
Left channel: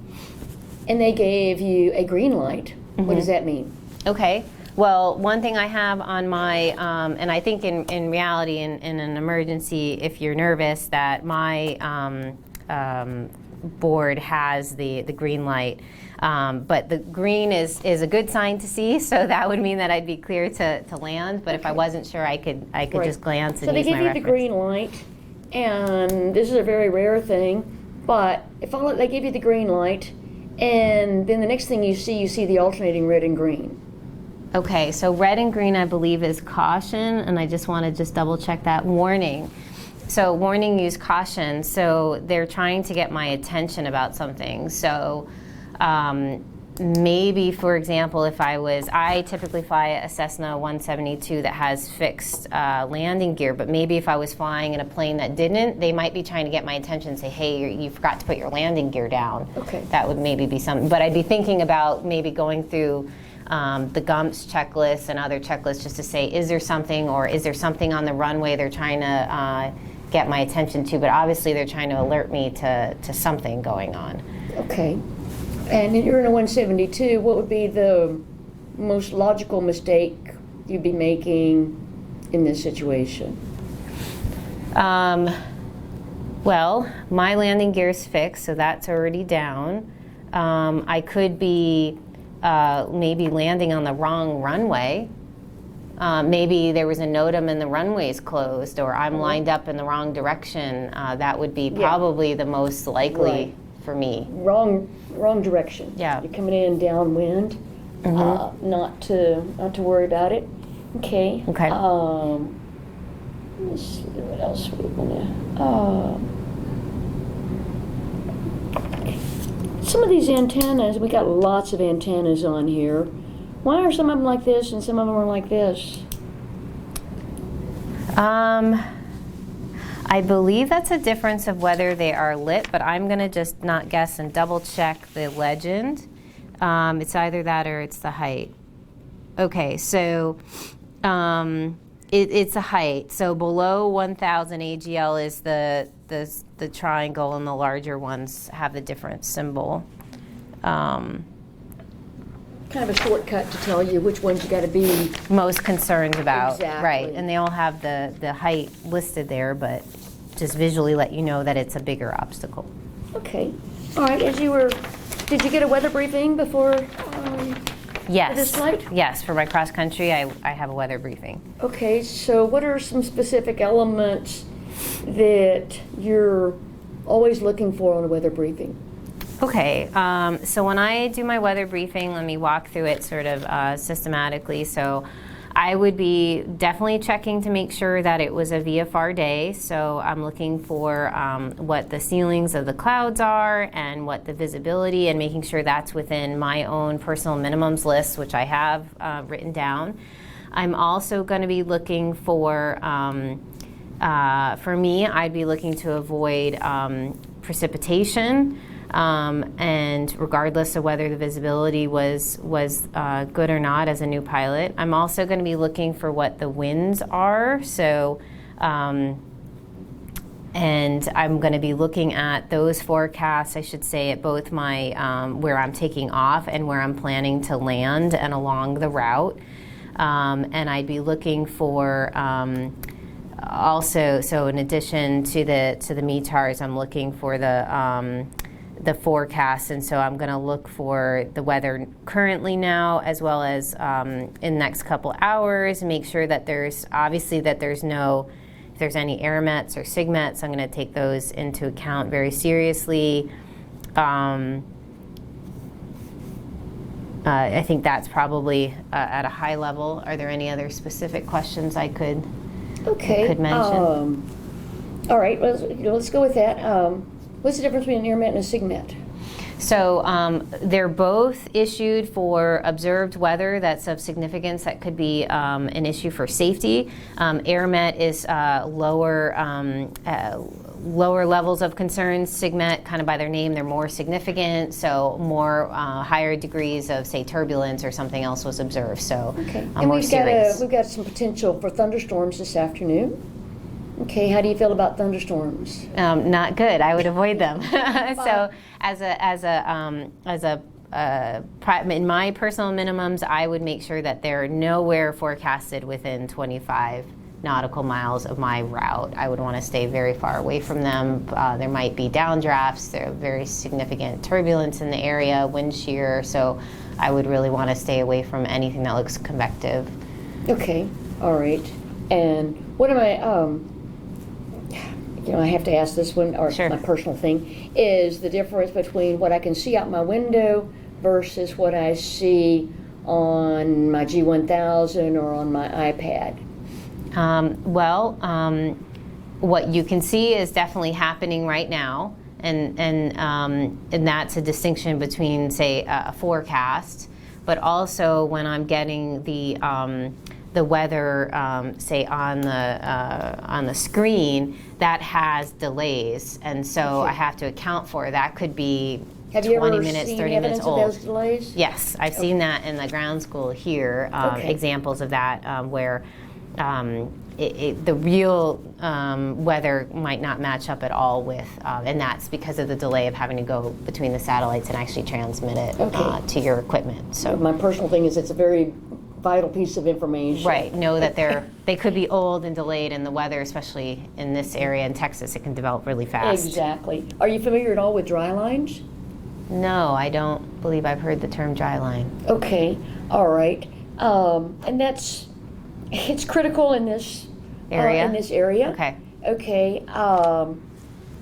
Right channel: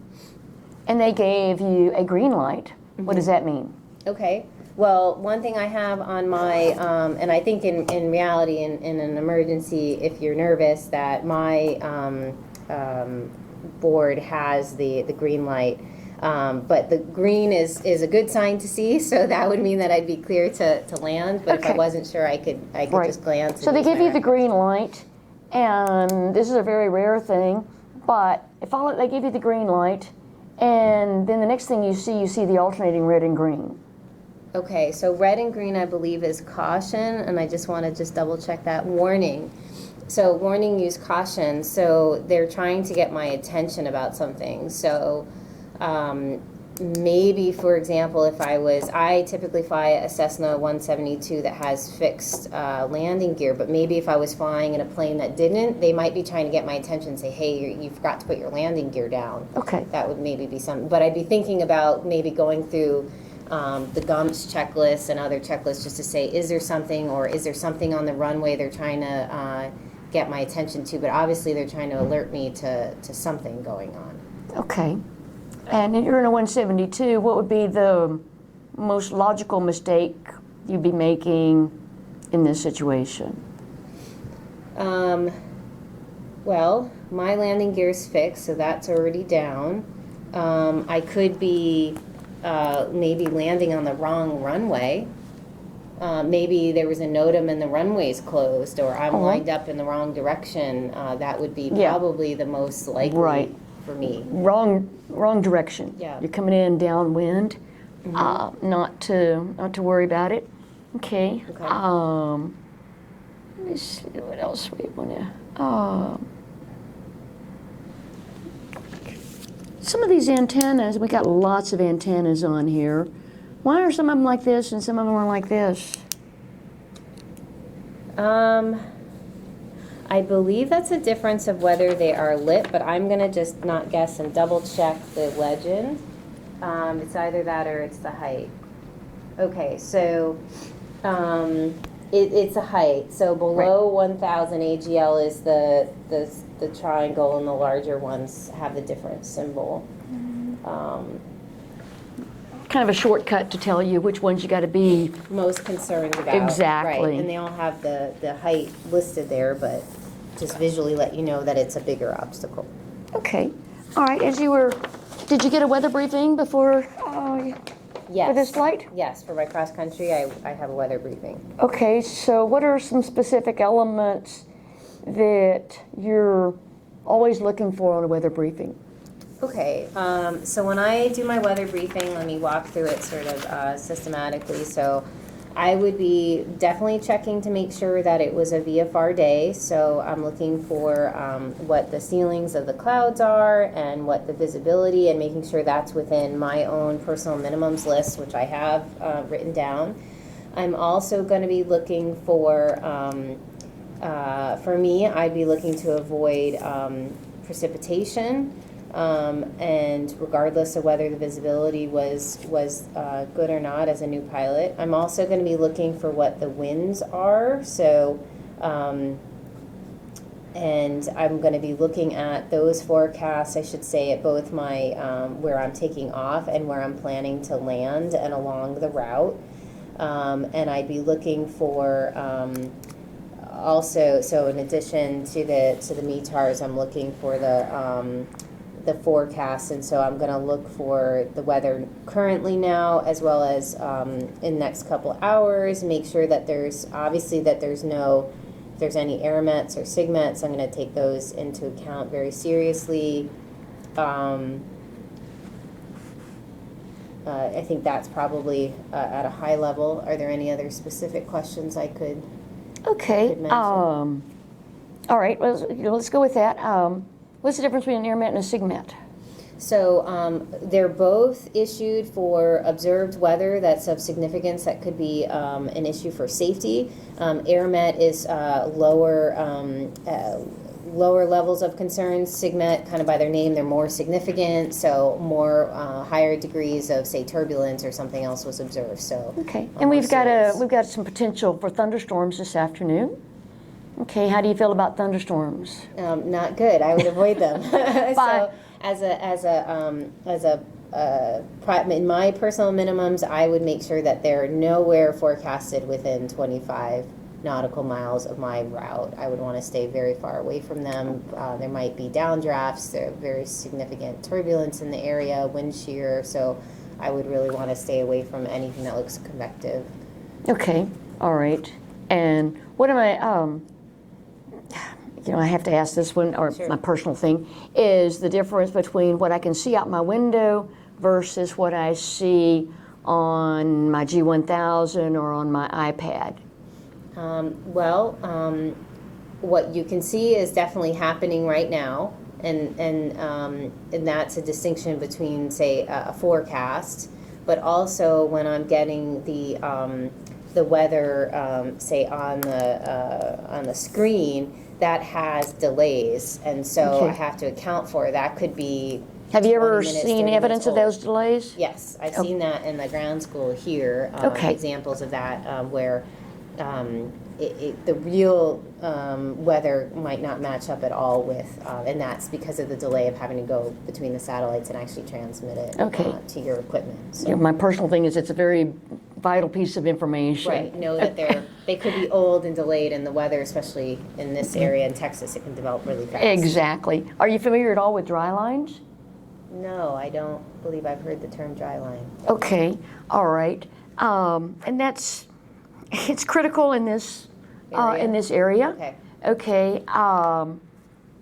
and they gave you a green light. What does that mean? Okay. Well, one thing I have on my, and I think in reality, in an emergency, if you're nervous, that my board has the green light. But the green is a good sign to see, so that would mean that I'd be clear to land. But if I Okay. wasn't sure, I could Right. just glance. So and they use give my you the reference. green light, and this is a very rare thing, but they give you the green light, and then the next thing you see the alternating red and green. Okay, so red and green, I believe, is caution, and I just want to double check that. Warning. So warning, use caution. So they're trying to get my attention about something. So maybe, for example, if I typically fly a Cessna 172 that has fixed landing gear, but maybe if I was flying in a plane that didn't, they might be trying to get my attention and say, hey, you forgot to put your landing gear down. Okay. That would maybe be something. But I'd be thinking about maybe going through the GUMPS checklist and other checklists just to say, is there something, or is there something on the runway they're trying to get my attention to? But obviously they're trying to alert me to something going on. Okay. And if you're in a 172, what would be the most logical mistake you'd be making in this situation? Well, my landing gear is fixed, so that's already down. I could be maybe landing on the wrong runway. Maybe there was a NOTAM and the runway's closed, or I'm lined up in the wrong direction. That would be probably the most likely for me. Wrong direction. Yeah. You're coming in downwind. Not to worry about it. Okay. Okay. Let me see what else we want to. Some of these antennas, we got lots of antennas on here. Why are some of them like this and some of them are like this? I believe that's a difference of whether they are lit, but I'm going to just not guess and double check the legend. It's either that or it's the height. Okay, so it's a height. So below 1,000 AGL is the triangle, and the larger ones have the different symbol. Kind of a shortcut to tell you which ones you got to be. Most concerned about. Exactly. Right, and they all have the height listed there, but just visually let you know that it's a bigger obstacle. Okay. All right. Did you get a weather briefing before? Yes. For this flight? Yes, for my cross country, I have a weather briefing. Okay. So what are some specific elements that you're always looking for on a weather briefing? Okay, so when I do my weather briefing, let me walk through it sort of systematically. So I would be definitely checking to make sure that it was a VFR day. So I'm looking for what the ceilings of the clouds are and what the visibility, and making sure that's within my own personal minimums list, which I have written down. I'm also going to be looking for me, I'd be looking to avoid precipitation. And regardless of whether the visibility was good or not as a new pilot. I'm also going to be looking for what the winds are. So, and I'm going to be looking at those forecasts, I should say, at both my where I'm taking off and where I'm planning to land and along the route. And I'd be looking for also, so in addition to the METARs, I'm looking for the forecast, and so I'm going to look for the weather currently now, as well as in the next couple hours. Make sure that there's no, if there's any airmets or sigmets, I'm going to take those into account very seriously. I think that's probably at a high level. Are there any other specific questions I could mention? All right, let's go with that. What's the difference between an airmet and a sigmet? So they're both issued for observed weather that's of significance that could be an issue for safety. Airmet is lower levels of concern. Sigmet, kind of by their name, they're more significant, so more higher degrees of, say, turbulence or something else was observed. So, okay. And we've got some potential for thunderstorms this afternoon. Okay, how do you feel about thunderstorms? Not good. I would avoid them. So, in my personal minimums, I would make sure that they're nowhere forecasted within 25 nautical miles of my route. I would want to stay very far away from them. There might be downdrafts. There are very significant turbulence in the area, wind shear. So, I would really want to stay away from anything that looks convective. Okay, all right. And what am I? I have to ask this one, or Sure. My personal thing, is the difference between what I can see out my window versus what I see on my G1000 or on my iPad. What you can see is definitely happening right now, and that's a distinction between, say, a forecast, but also when I'm getting the weather, say, on the screen, that has delays, and so Okay. I have to account for that. Could be Have you 20 ever minutes, seen 30 evidence minutes of old. those delays? Yes, I've seen that in the ground school here. Okay. Examples of that where the real weather might not match up at all with, and that's because of the delay of having to go between the satellites and actually transmit it to your equipment. So My personal thing is it's a very vital piece of information. right, know that they could be old and delayed, and the weather, especially in this area in Texas, it can develop really fast. Exactly. Are you familiar at all with dry lines? No, I don't believe I've heard the term dry line. Okay, all right. And it's critical in this Area? area. Okay. Okay.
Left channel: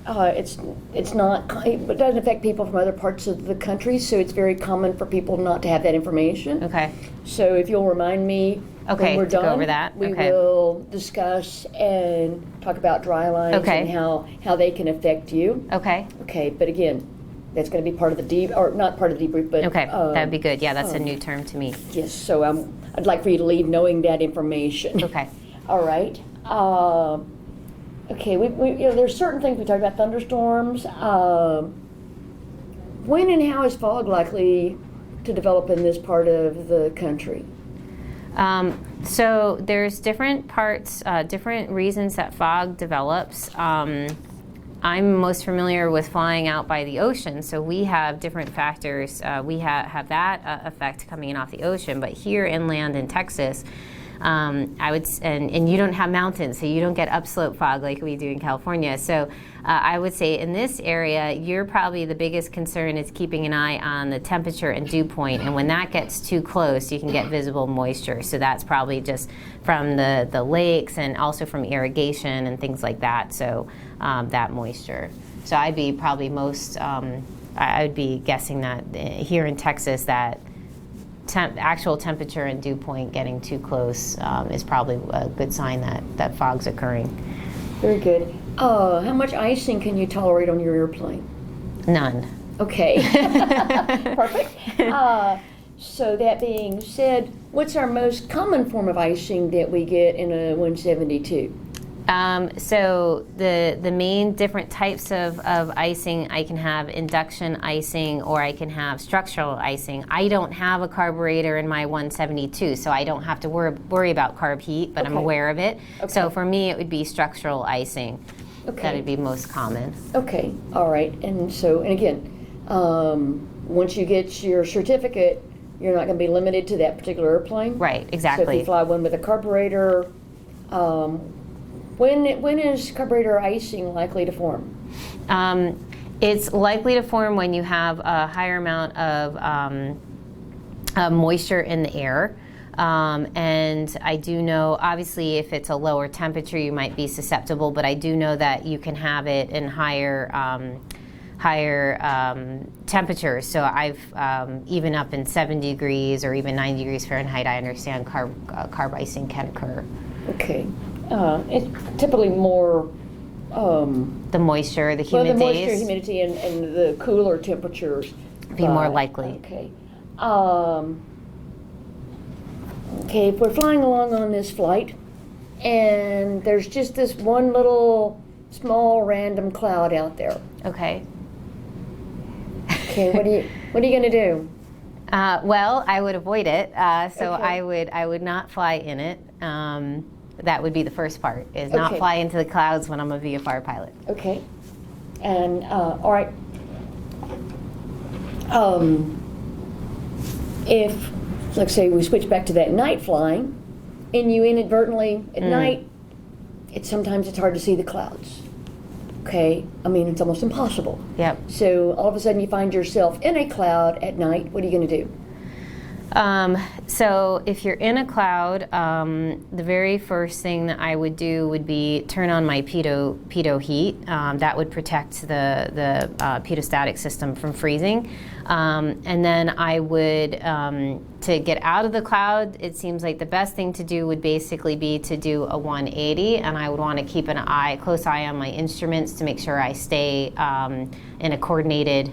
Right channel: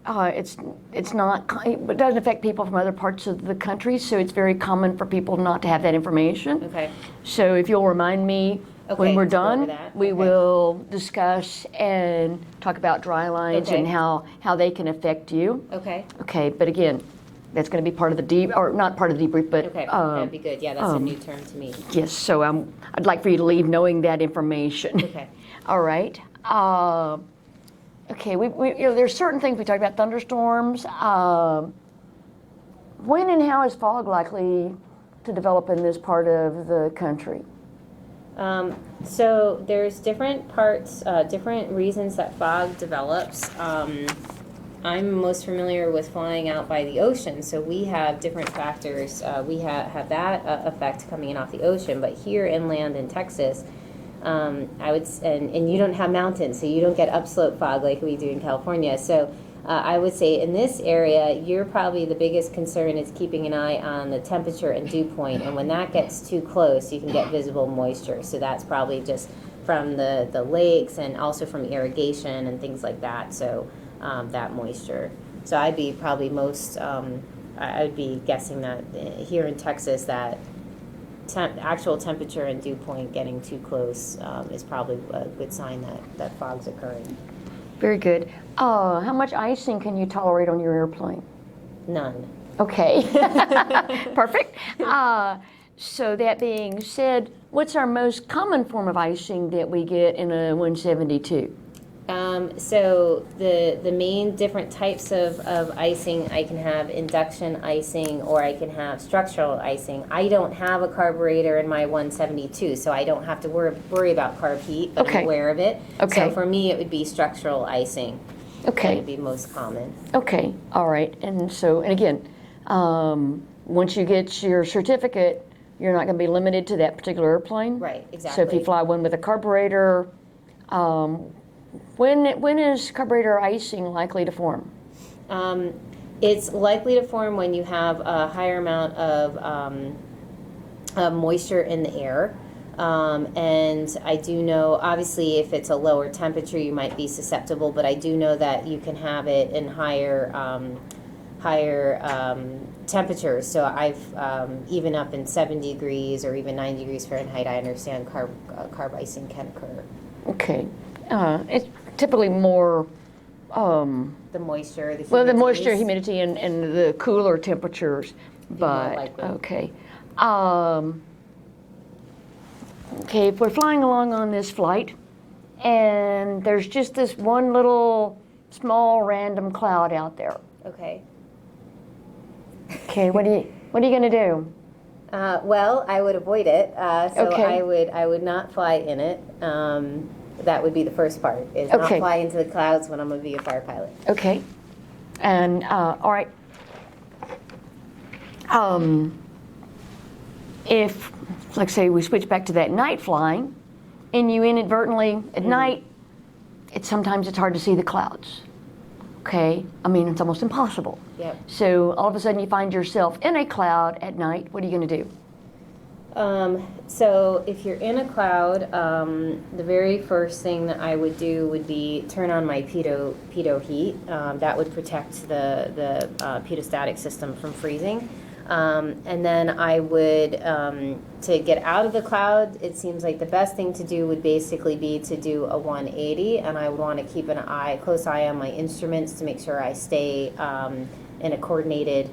It doesn't affect people from other parts of the country, so it's very common for people not to have that information. Okay. So if you'll remind me when we're to go done, over that. we Okay. will discuss and talk about dry lines Okay. and how they can affect you. Okay. Okay, but again, that's going to be part of the or not part of the debrief, but Okay. That'd be good. Yeah, that's a new term to me. yes. So I'd like for you to leave knowing that information. Okay. All right. Okay. There's certain things we talked about. Thunderstorms. When and how is fog likely to develop in this part of the country? So there's different parts, different reasons that fog develops. I'm most familiar with flying out by the ocean, so we have different factors. We have that effect coming in off the ocean, but here inland in Texas, I would, and you don't have mountains, so you don't get upslope fog like we do in California. So I would say in this area, you're probably the biggest concern is keeping an eye on the temperature and dew point, and when that gets too close, you can get visible moisture. So that's probably just from the lakes and also from irrigation and things like that. So that moisture. So I'd be probably most, I'd be guessing that here in Texas that actual temperature and dew point getting too close is probably a good sign that fog's occurring. Very good. How much icing can you tolerate on your airplane? None. Okay. Perfect. So that being said, what's our most common form of icing that we get in a 172? So the main different types of icing, I can have induction icing or I can have structural icing. I don't have a carburetor in my 172, so I don't have to worry about carb heat, but Okay. I'm aware of it. Okay. So for me, it would be structural icing. Okay. That would be most common. Okay, all right. And so, and again, once you get your certificate, you're not going to be limited to that particular airplane. Right, So if exactly. you fly one with a carburetor, when is carburetor icing likely to form? It's likely to form when you have a higher amount of moisture in the air. And I do know, obviously, if it's a lower temperature, you might be susceptible, but I do know that you can have it in higher temperatures. So I've, even up in 70 degrees or even 90 degrees Fahrenheit, I understand carb icing can occur. Okay. It's typically more The moisture, the well, humidities. the moisture, humidity, and the cooler temperatures. Be more likely. Okay. Okay, if we're flying along on this flight, and there's just this one little small random cloud out there. Okay. Okay, what are you gonna do? Well, I would avoid it. So Okay. I would not fly in it. That would be the first part, is not Okay. fly into the clouds when I'm a VFR pilot. Okay. And all right. If, like, say, we switch back to that night flying, and you inadvertently at night, sometimes it's hard to see the clouds. Okay, I mean, it's almost impossible. Yep. So all of a sudden you find yourself in a cloud at night. What are you going to do? So if you're in a cloud, the very first thing that I would do would be turn on my pitot heat. That would protect the pitot-static system from freezing. And then I would, to get out of the cloud, it seems like the best thing to do would basically be to do a 180, and I would want to keep close eye on my instruments to make sure I stay in a coordinated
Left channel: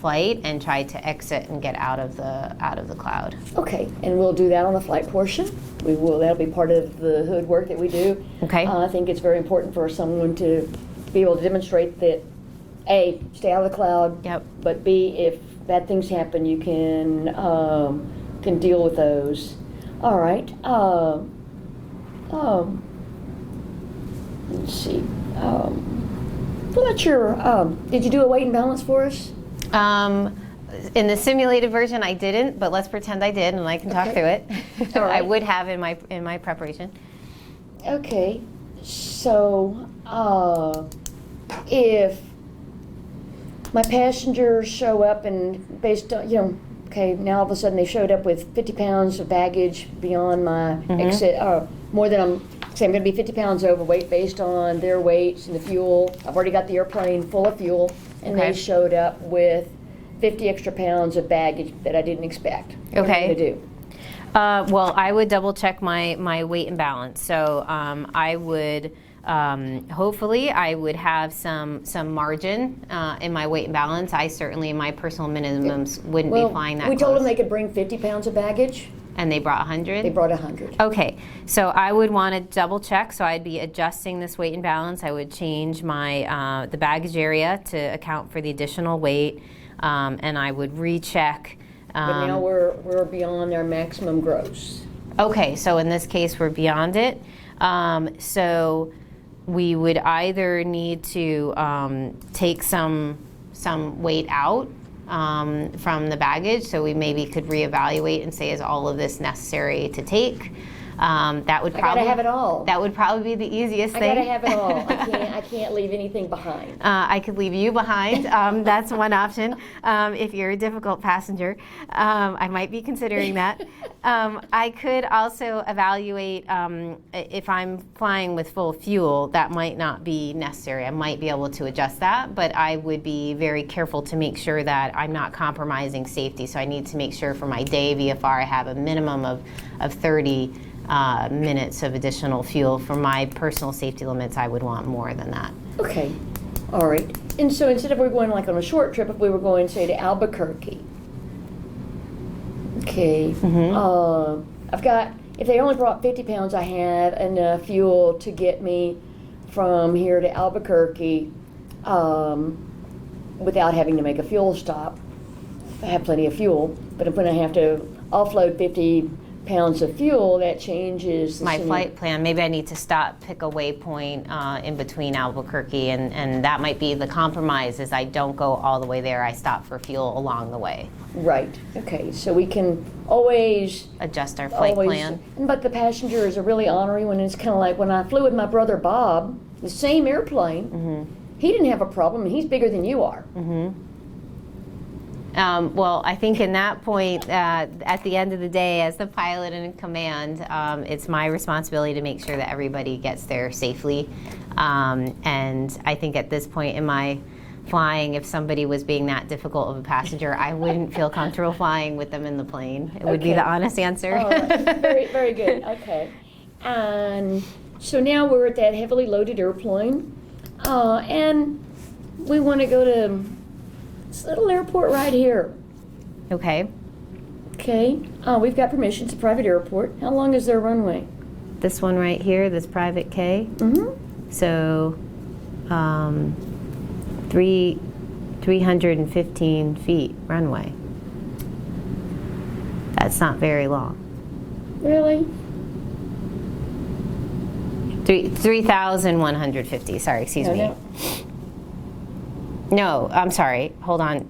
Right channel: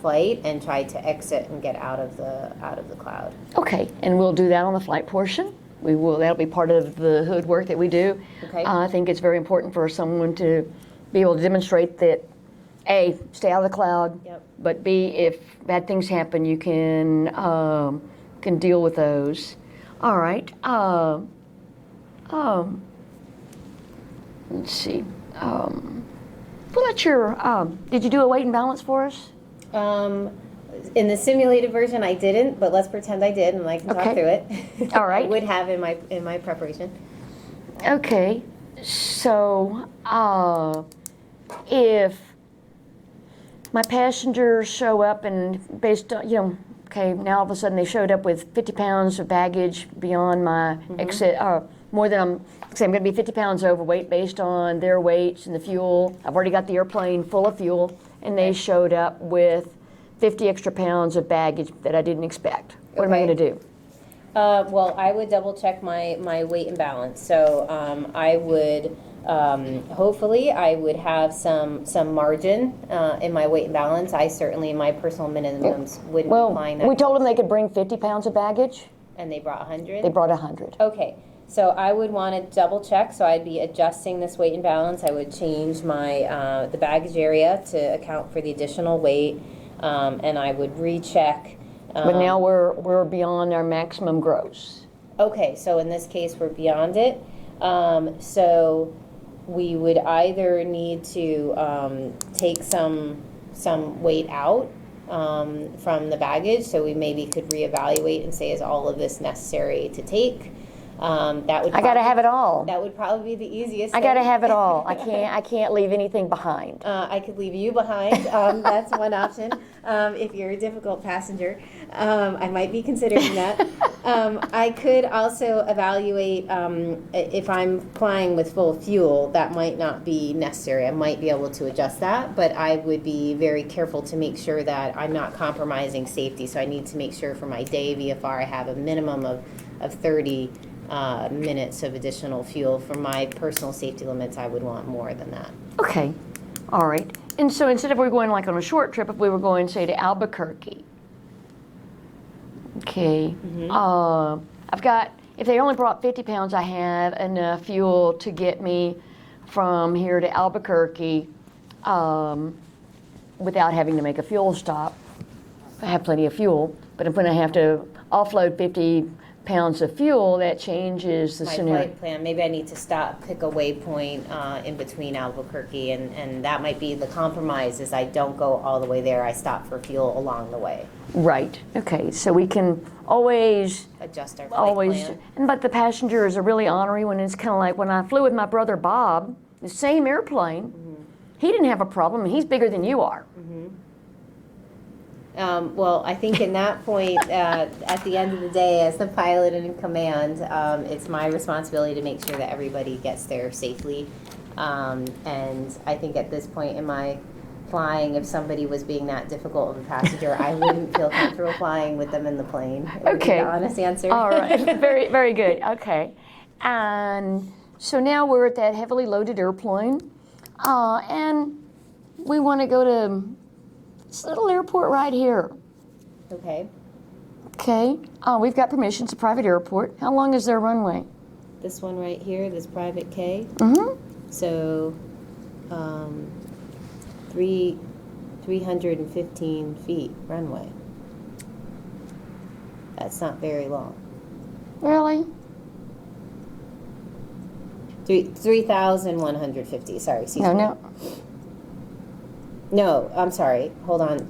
flight and try to exit and get out of the cloud. Okay, and we'll do that on the flight portion. We will. That'll be part of the hood work that we do. Okay. I think it's very important for someone to be able to demonstrate that A, stay out of the cloud. Yep. But B, if bad things happen, you can deal with those. All right. Let's see. What's your? Did you do a weight and balance for us? In the simulated version, I didn't, but let's pretend I did, and I can talk Okay. through it. All right. I would have in my preparation. Okay. So, if my passengers show up and based on, okay, now all of a sudden they showed up with 50 pounds of baggage beyond my exit, more than I'm going to be 50 pounds overweight based on their weights and the fuel. I've already got the airplane full of fuel, and Okay. they showed up with 50 extra pounds of baggage that I didn't expect. What am I Okay. going to do? Well, I would double check my weight and balance. So I would, hopefully, I would have some margin in my weight and balance. I certainly, in my personal minimums, wouldn't be flying that we told them close. they could bring 50 pounds of baggage. And they brought 100? They brought 100. Okay, so I would want to double check. So I'd be adjusting this weight and balance. I would change my the baggage area to account for the additional weight, and I would recheck. But now we're beyond our maximum gross. Okay, so in this case, we're beyond it. So we would either need to take some weight out from the baggage, so we maybe could reevaluate and say, is all of this necessary to take? That would I gotta have it all. That would probably be the easiest I thing. gotta have it all. I can't leave anything behind. I could leave you behind. That's one option. If you're a difficult passenger, I might be considering that. I could also evaluate if I'm flying with full fuel, that might not be necessary. I might be able to adjust that, but I would be very careful to make sure that I'm not compromising safety. So I need to make sure for my day VFR I have a minimum of 30 minutes of additional fuel. For my personal safety limits, I would want more than that. Okay, all right. And so instead of we're going like on a short trip, if we were going, say, to Albuquerque, okay, I've got, if they only brought 50 pounds, I have enough fuel to get me from here to Albuquerque without having to make a fuel stop. I have plenty of fuel, but if when I have to offload 50 pounds of fuel, that changes the My scenario. flight plan, maybe I need to stop, pick a waypoint in between Albuquerque, and that might be the compromise, is I don't go all the way there, I stop for fuel along the way. Right, okay, so we can always, Adjust our flight plan. but the passengers are really ornery when it's kind of like when I flew with my brother Bob, the same airplane, he didn't have a problem, and he's bigger than you are. Well, I think in that point, at the end of the day, as the pilot in command, it's my responsibility to make sure that everybody gets there safely. And I think at this point in my flying, if somebody was being that difficult of a passenger, I wouldn't feel comfortable flying with them in the plane. It would be the honest answer. All right, very, very good, okay. And so now we're at that heavily loaded airplane, and we want to go to this little airport right here. Okay. Okay, we've got permission, it's a private airport. How long is their runway? This one right here, this private K. So 315 feet runway. That's not very long. Really? 3,150, sorry, excuse me. No. No, I'm sorry. Hold on.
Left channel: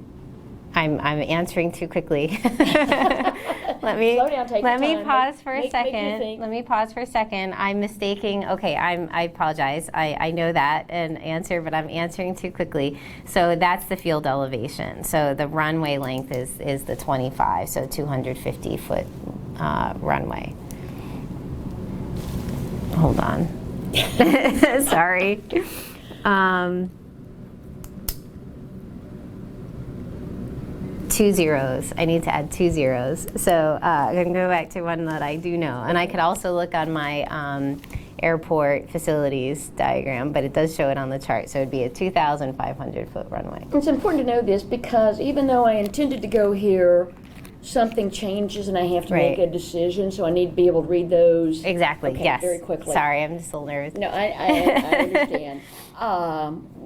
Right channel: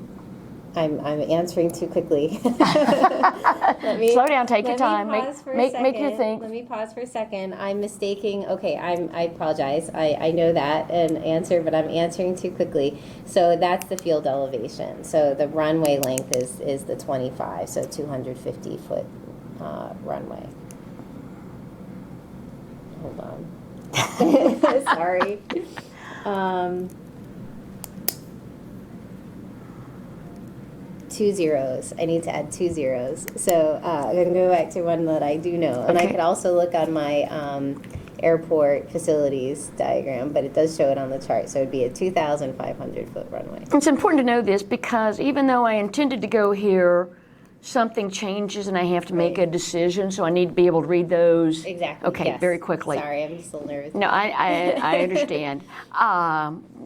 I'm answering too quickly. Let me Slow down, take your time. Let me pause for a second. Make me think. Let me pause for a second. I'm mistaking. Okay, I apologize. I know that an answer, but I'm answering too quickly. So that's the field elevation. So the runway length is the 25, so 250 foot runway. Hold on. Sorry. 2 zeros. I need to add 2 zeros. So I'm going to go back to one that I do know. And I could also look on my airport facilities diagram, but it does show it on the chart. So it would be a 2,500 foot runway. It's important to know this because even though I intended to go here, something changes and I have to make a decision, so I need to be able to read those. Exactly, Okay, yes. very quickly. Sorry, I'm just a little nervous. No, I understand.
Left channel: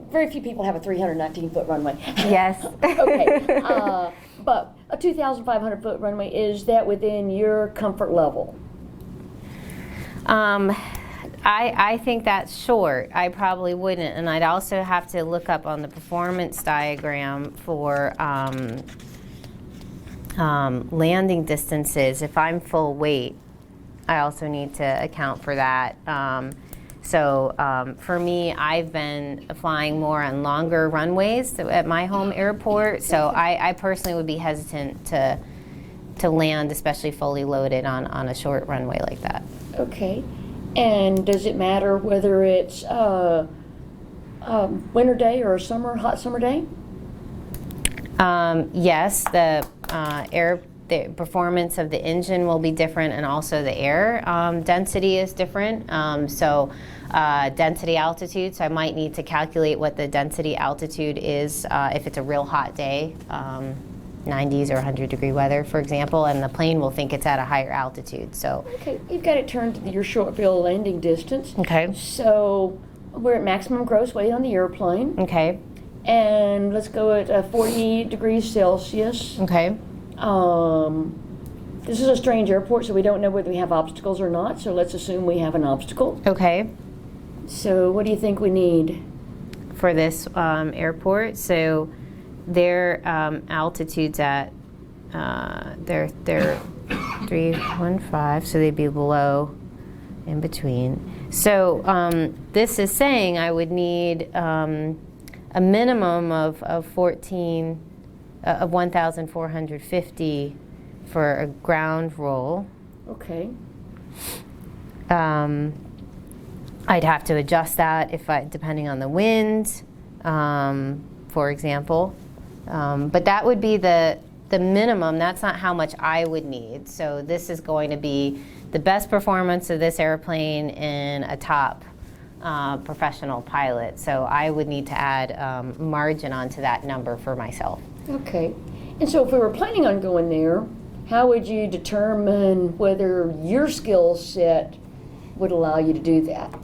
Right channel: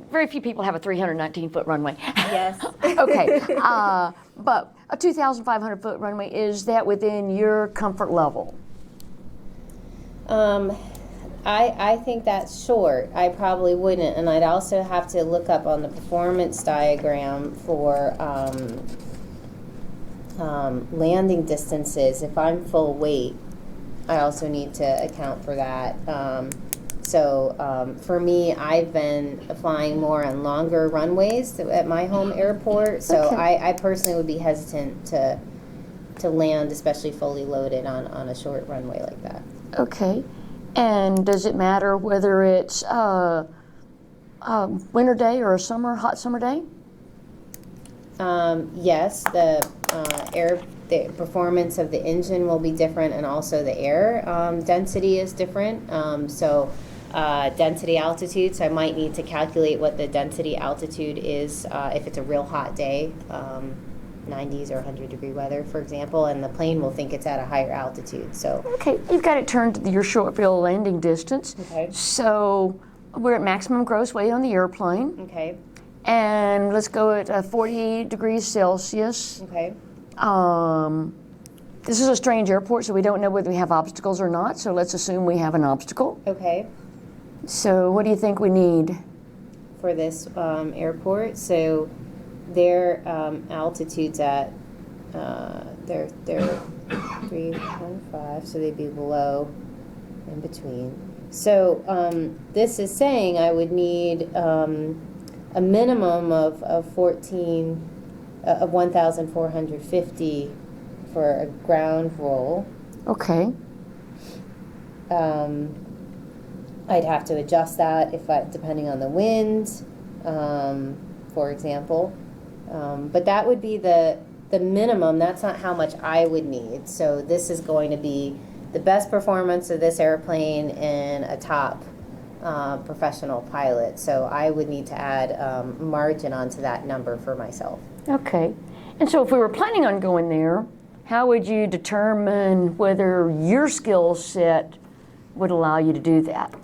Very few people have a 319-foot runway. Yes. Okay, but a 2,500-foot runway, is that within your comfort level? I think that's short. I probably wouldn't, and I'd also have to look up on the performance diagram for landing distances. If I'm full weight, I also need to account for that. So for me, I've been flying more on longer runways at my home airport. So I personally would be hesitant to land, especially fully loaded on a short runway like that. Okay. And does it matter whether it's winter day or a hot summer day? Yes, the performance of the engine will be different, and also the air density is different. Density altitude, so I might need to calculate what the density altitude is if it's a real hot day, 90s or 100-degree weather, for example, and the plane will think it's at a higher altitude. So okay, you've got it turned to your short field landing distance. Okay. So we're at maximum gross weight on the airplane. Okay. And let's go at 40 degrees Celsius. Okay. This is a strange airport, so we don't know whether we have obstacles or not, so let's assume we have an obstacle. Okay. So what do you think we need? For this airport, so their altitude's at they're 315, so they'd be below in between. So this is saying I would need a minimum of 1,450 for a ground roll. Okay. I'd have to adjust that depending on the wind, for example. But that would be the minimum. That's not how much I would need. So this is going to be the best performance of this airplane in a top professional pilot. So I would need to add margin onto that number for myself. Okay. And so if we were planning on going there, how would you determine whether your skill set would allow you to do that?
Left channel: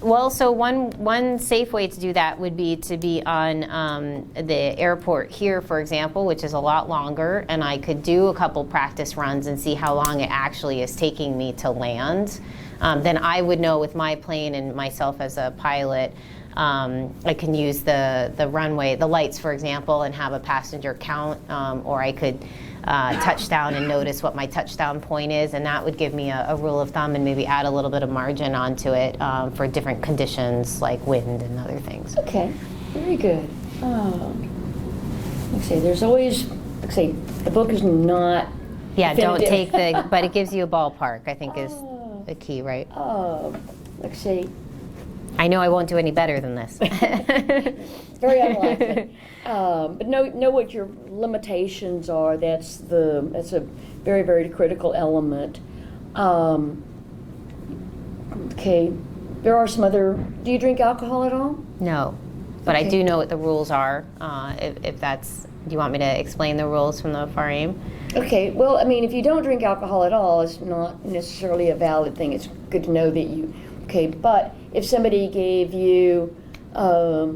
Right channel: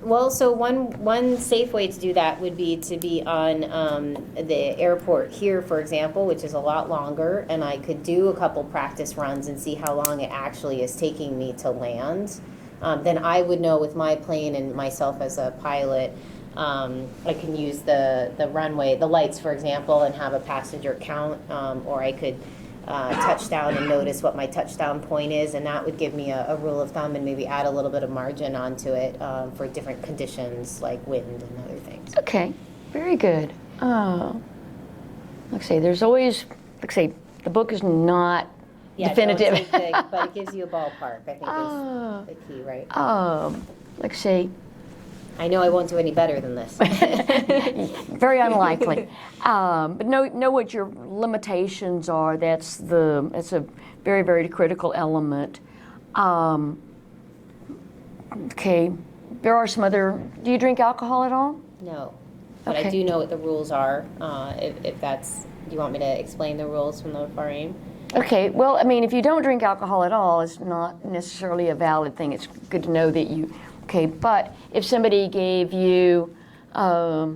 Well, so one safe way to do that would be to be on the airport here, for example, which is a lot longer, and I could do a couple practice runs and see how long it actually is taking me to land. Then I would know with my plane and myself as a pilot, I can use the runway, the lights, for example, and have a passenger count, or I could touch down and notice what my touchdown point is, and that would give me a rule of thumb and maybe add a little bit of margin onto it for different conditions like wind and other things. Okay, very good. Let's see, there's always, let's see, the book is not definitive. Don't take but it gives you a ballpark, I think is the key, right? Let's see. I know I won't do any better than this. Very unlikely. But know what your limitations are. That's a very, very critical element. Okay, there are some other. Do you drink alcohol at all? No, but okay. I do know what the rules are. If that's, do you want me to explain the rules from the FAR-AIM? Okay. Well, I mean, if you don't drink alcohol at all, it's not necessarily a valid thing. It's good to know that you. Okay, but if somebody gave you a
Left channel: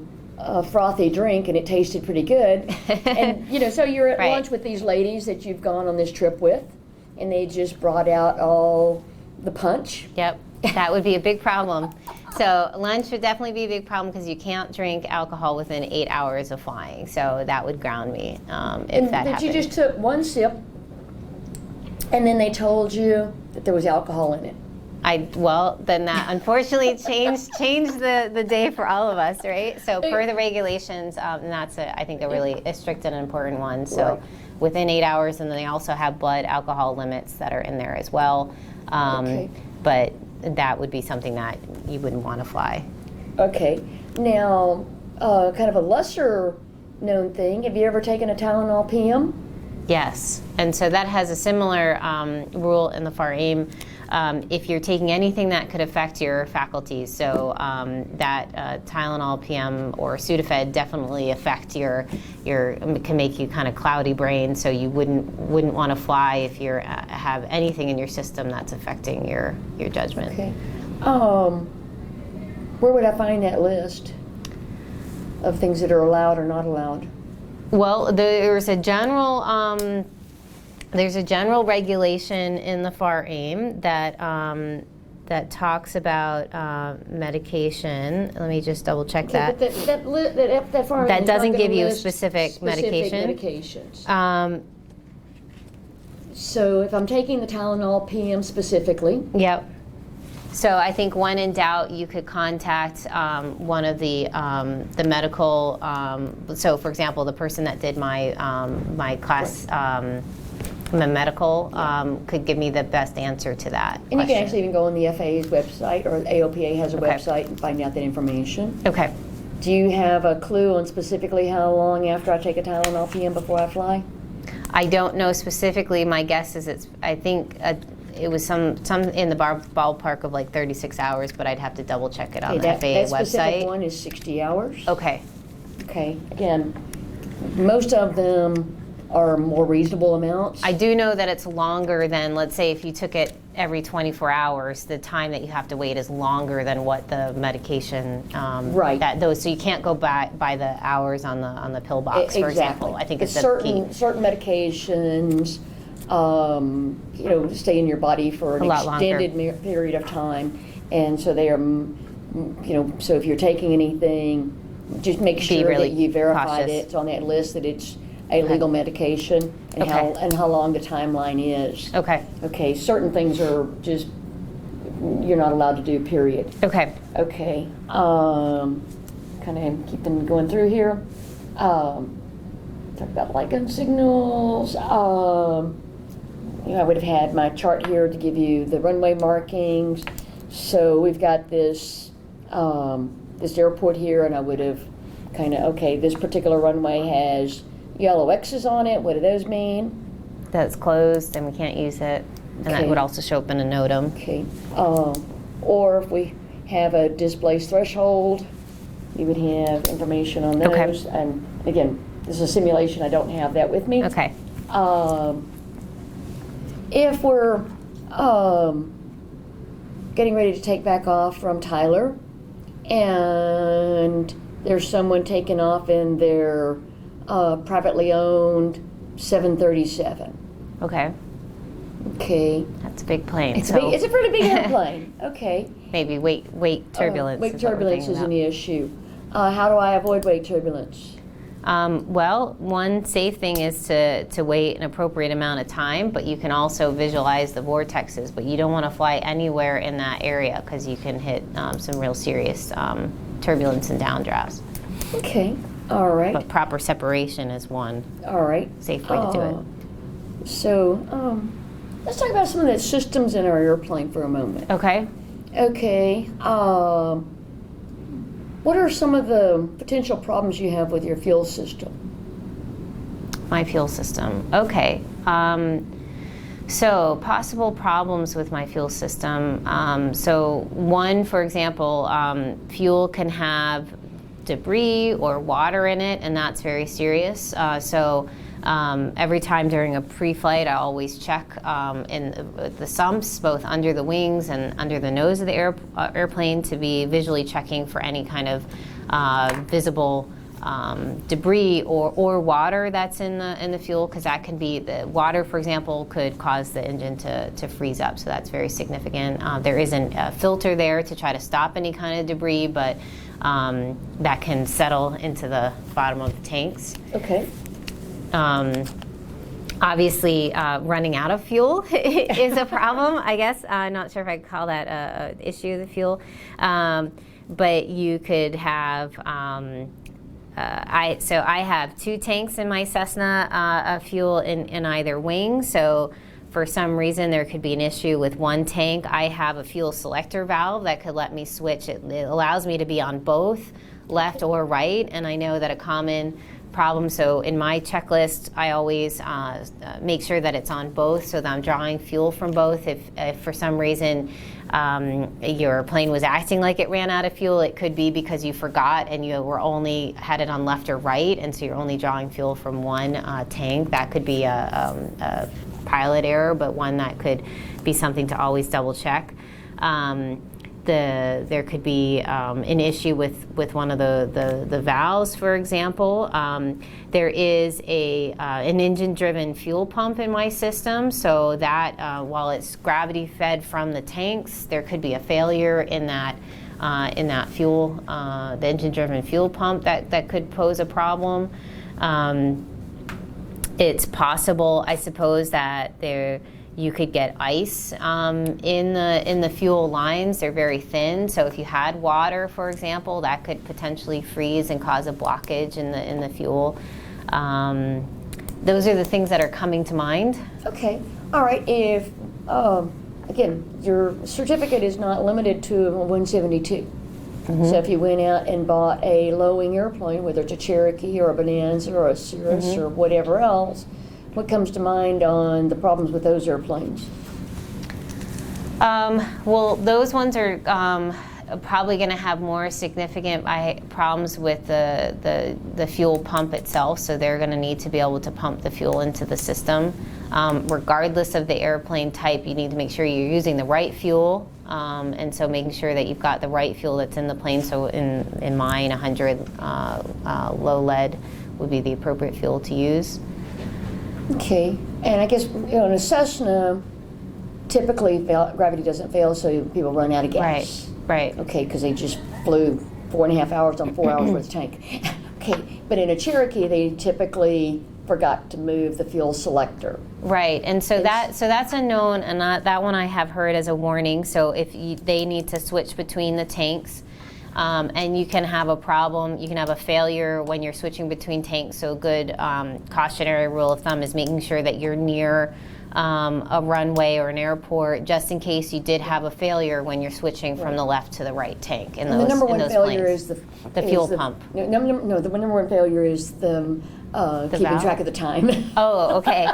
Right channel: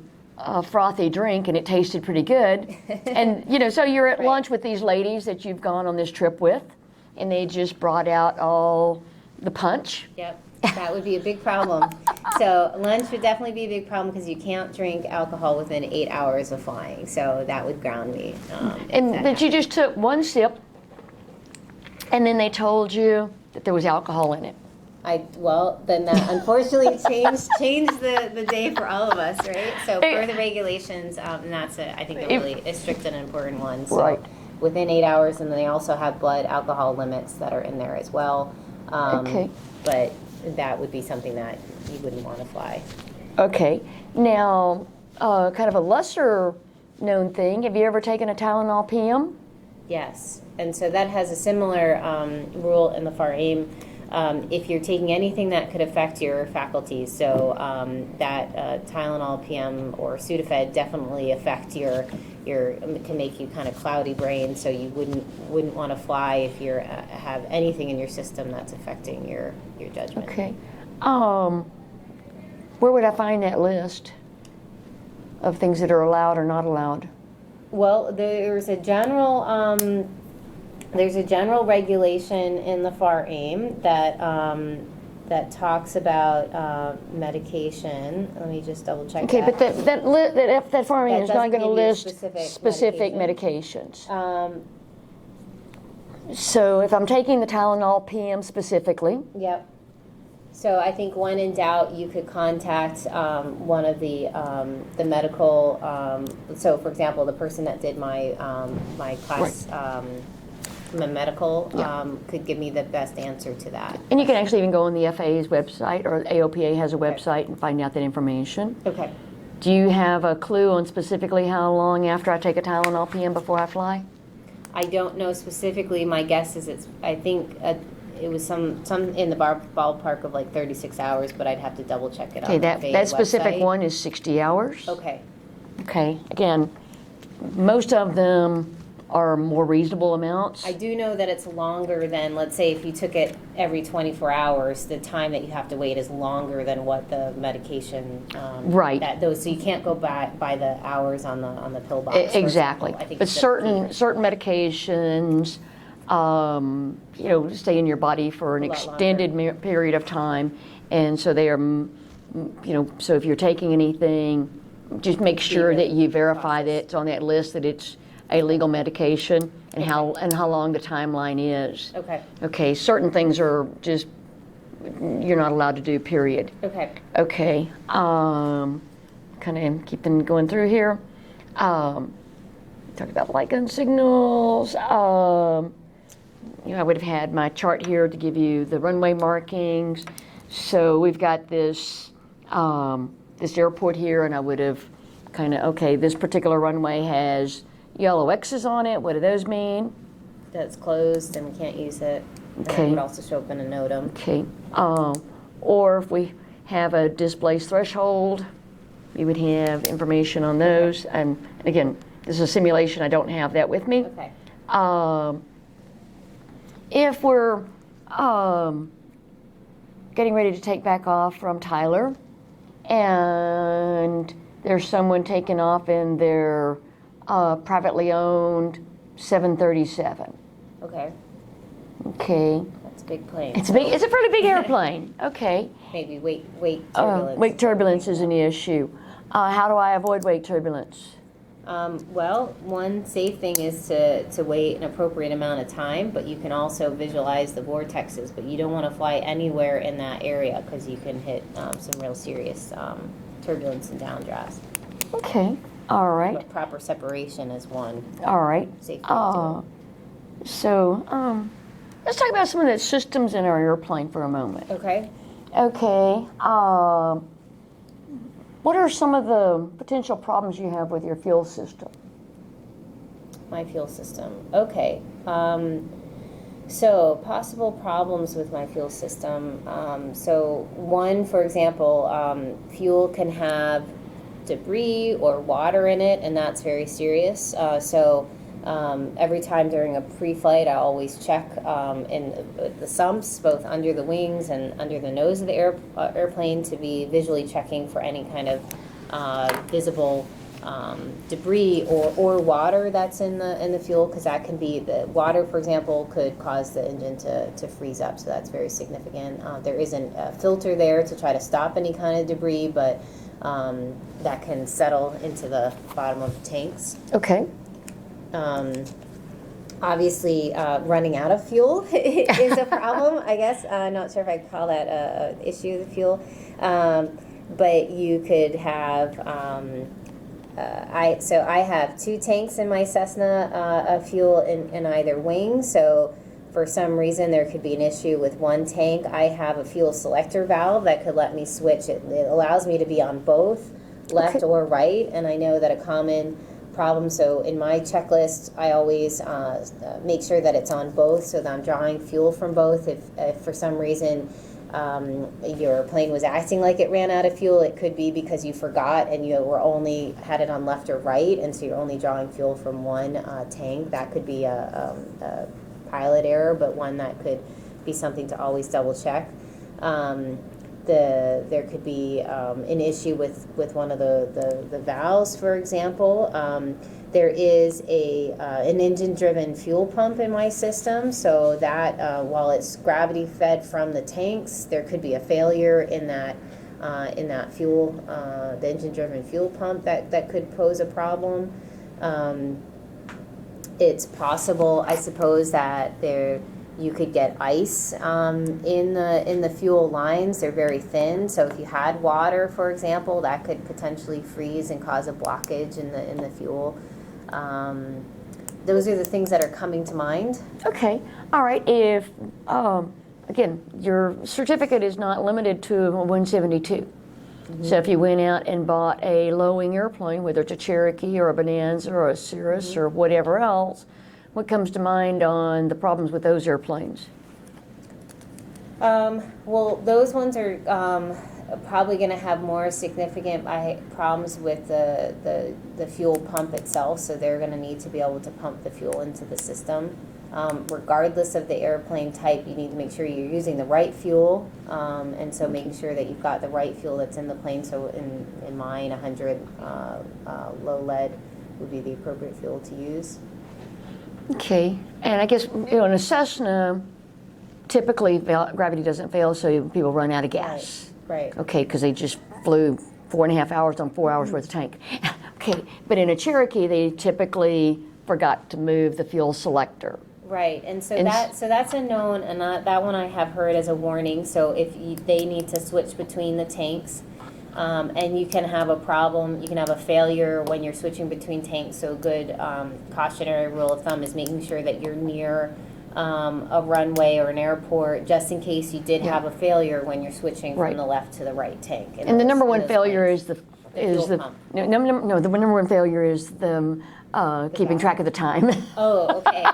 frothy drink and it tasted pretty good, and so you're at lunch with these ladies that you've gone on this trip with, and they just brought out all the punch. Yep, that would be a big problem. So lunch would definitely be a big problem because you can't drink alcohol within 8 hours of flying. So that would ground me. And that you just took one sip, and then they told you that there was alcohol in it. Then that unfortunately changed the day for all of us, right? So per the regulations, and that's I think a really strict and important one. So within 8 hours, and then they also have blood alcohol limits that are in there as well. But that would be something that you wouldn't want to fly. Okay. Now, kind of a lesser known thing. Have you ever taken a Tylenol PM? Yes, and so that has a similar rule in the FAR-AIM. If you're taking anything that could affect your faculties, so that Tylenol PM or Sudafed definitely affect your can make you kind of cloudy brain, so you wouldn't want to fly if you have anything in your system that's affecting your judgment. Okay. Where would I find that list of things that are allowed or not allowed? Well, there's a general regulation in the FAR-AIM that talks about medication. Let me just double check that. But that FAR-AIM that doesn't give you specific medications. So if I'm taking the Tylenol PM specifically. Yep. So I think when in doubt, you could contact one of the medical. So for example, the person that did my class. The medical could give me the best answer to that. And you can actually even go on the FAA's website, or AOPA has a website, and find out that information. Okay. Do you have a clue on specifically how long after I take a Tylenol PM before I fly? I don't know specifically. My guess is I think it was some in the ballpark of like 36 hours, but I'd have to double check it on the FAA website. That specific one is 60 hours. Okay. Okay. Again, most of them are more reasonable amounts. I do know that it's longer than, let's say, if you took it every 24 hours, the time that you have to wait is longer than what the medication. So you can't go by the hours on the pill box. For example. I think. But certain medications, stay in your body for an extended period of time, and so they are, so if you're taking anything, just make sure that you verify that it's on that list, that it's a legal medication, and how long the timeline is. Okay. Okay. Certain things are just you're not allowed to do, period. Okay. Okay. Kind of keep them going through here. Talk about light gun signals. I would have had my chart here to give you the runway markings. So we've got this this airport here, and I would have kind of, okay, this particular runway has yellow X's on it. What do those mean? That's closed and we can't use it. And that would also show up in a NOTAM. Okay. Or if we have a displaced threshold, we would have information on those. Okay. And again, this is a simulation. I don't have that with me. Okay. If we're getting ready to take back off from Tyler, and there's someone taking off in their privately owned 737. Okay. Okay. That's a big plane. It's a pretty big airplane. Okay. Maybe weight turbulence. Weight turbulence is an issue. How do I avoid weight turbulence? Well, one safe thing is to wait an appropriate amount of time, but you can also visualize the vortexes, but you don't want to fly anywhere in that area because you can hit some real serious turbulence and downdrafts. Okay, all right. But proper separation is one All right. safe way to do it. So, let's talk about some of the systems in our airplane for a moment. Okay. Okay. What are some of the potential problems you have with your fuel system? My fuel system. Okay. So possible problems with my fuel system. So one, for example, fuel can have debris or water in it, and that's very serious. Every time during a pre-flight, I always check in the sumps, both under the wings and under the nose of the airplane, to be visually checking for any kind of visible debris or water that's in the fuel, because that can be, the water, for example, could cause the engine to freeze up, so that's very significant. There isn't a filter there to try to stop any kind of debris, but that can settle into the bottom of the tanks. Okay. Obviously, running out of fuel is a problem, I guess. I'm not sure if I'd call that an issue, the fuel. But you could have, I have 2 tanks in my Cessna of fuel in either wing. So for some reason, there could be an issue with one tank. I have a fuel selector valve that could let me switch. It allows me to be on both left or right. And I know that a common problem, so in my checklist, I always make sure that it's on both, so that I'm drawing fuel from both. If for some reason your plane was acting like it ran out of fuel, it could be because you forgot and you were only had it on left or right, and so you're only drawing fuel from one tank. That could be a pilot error, but one that could be something to always double check. There could be an issue with one of the valves, for example. There is an engine-driven fuel pump in my system, so that while it's gravity-fed from the tanks, there could be a failure in that fuel, the engine-driven fuel pump that could pose a problem. It's possible, I suppose, that you could get ice in the fuel lines. They're very thin, so if you had water, for example, that could potentially freeze and cause a blockage in the fuel. Those are the things that are coming to mind. Okay. All right. If again, your certificate is not limited to a 172. So if you went out and bought a low-wing airplane, whether it's a Cherokee or a Bonanza or a Cirrus or whatever else, what comes to mind on the problems with those airplanes? Well, those ones are probably going to have more significant problems with the fuel pump itself, so they're going to need to be able to pump the fuel into the system. Regardless of the airplane type, you need to make sure you're using the right fuel, and so making sure that you've got the right fuel that's in the plane. So in mine, 100 low lead would be the appropriate fuel to use. Okay, and I guess in a Cessna, typically gravity doesn't fail, so people run out of gas. Right. Okay, because they just flew 4.5 hours on 4 hours worth of tank. Okay, but in a Cherokee, they typically forgot to move the fuel selector. Right, and so And that's a known, and that one I have heard as a warning. So if they need to switch between the tanks, and you can have a problem, you can have a failure when you're switching between tanks. So a good cautionary rule of thumb is making sure that you're near a runway or an airport, just in case you did have a failure when you're switching from the left to the right tank. And the number one failure is the fuel pump. No, the number one failure is the keeping valve? track of the time. Oh, okay.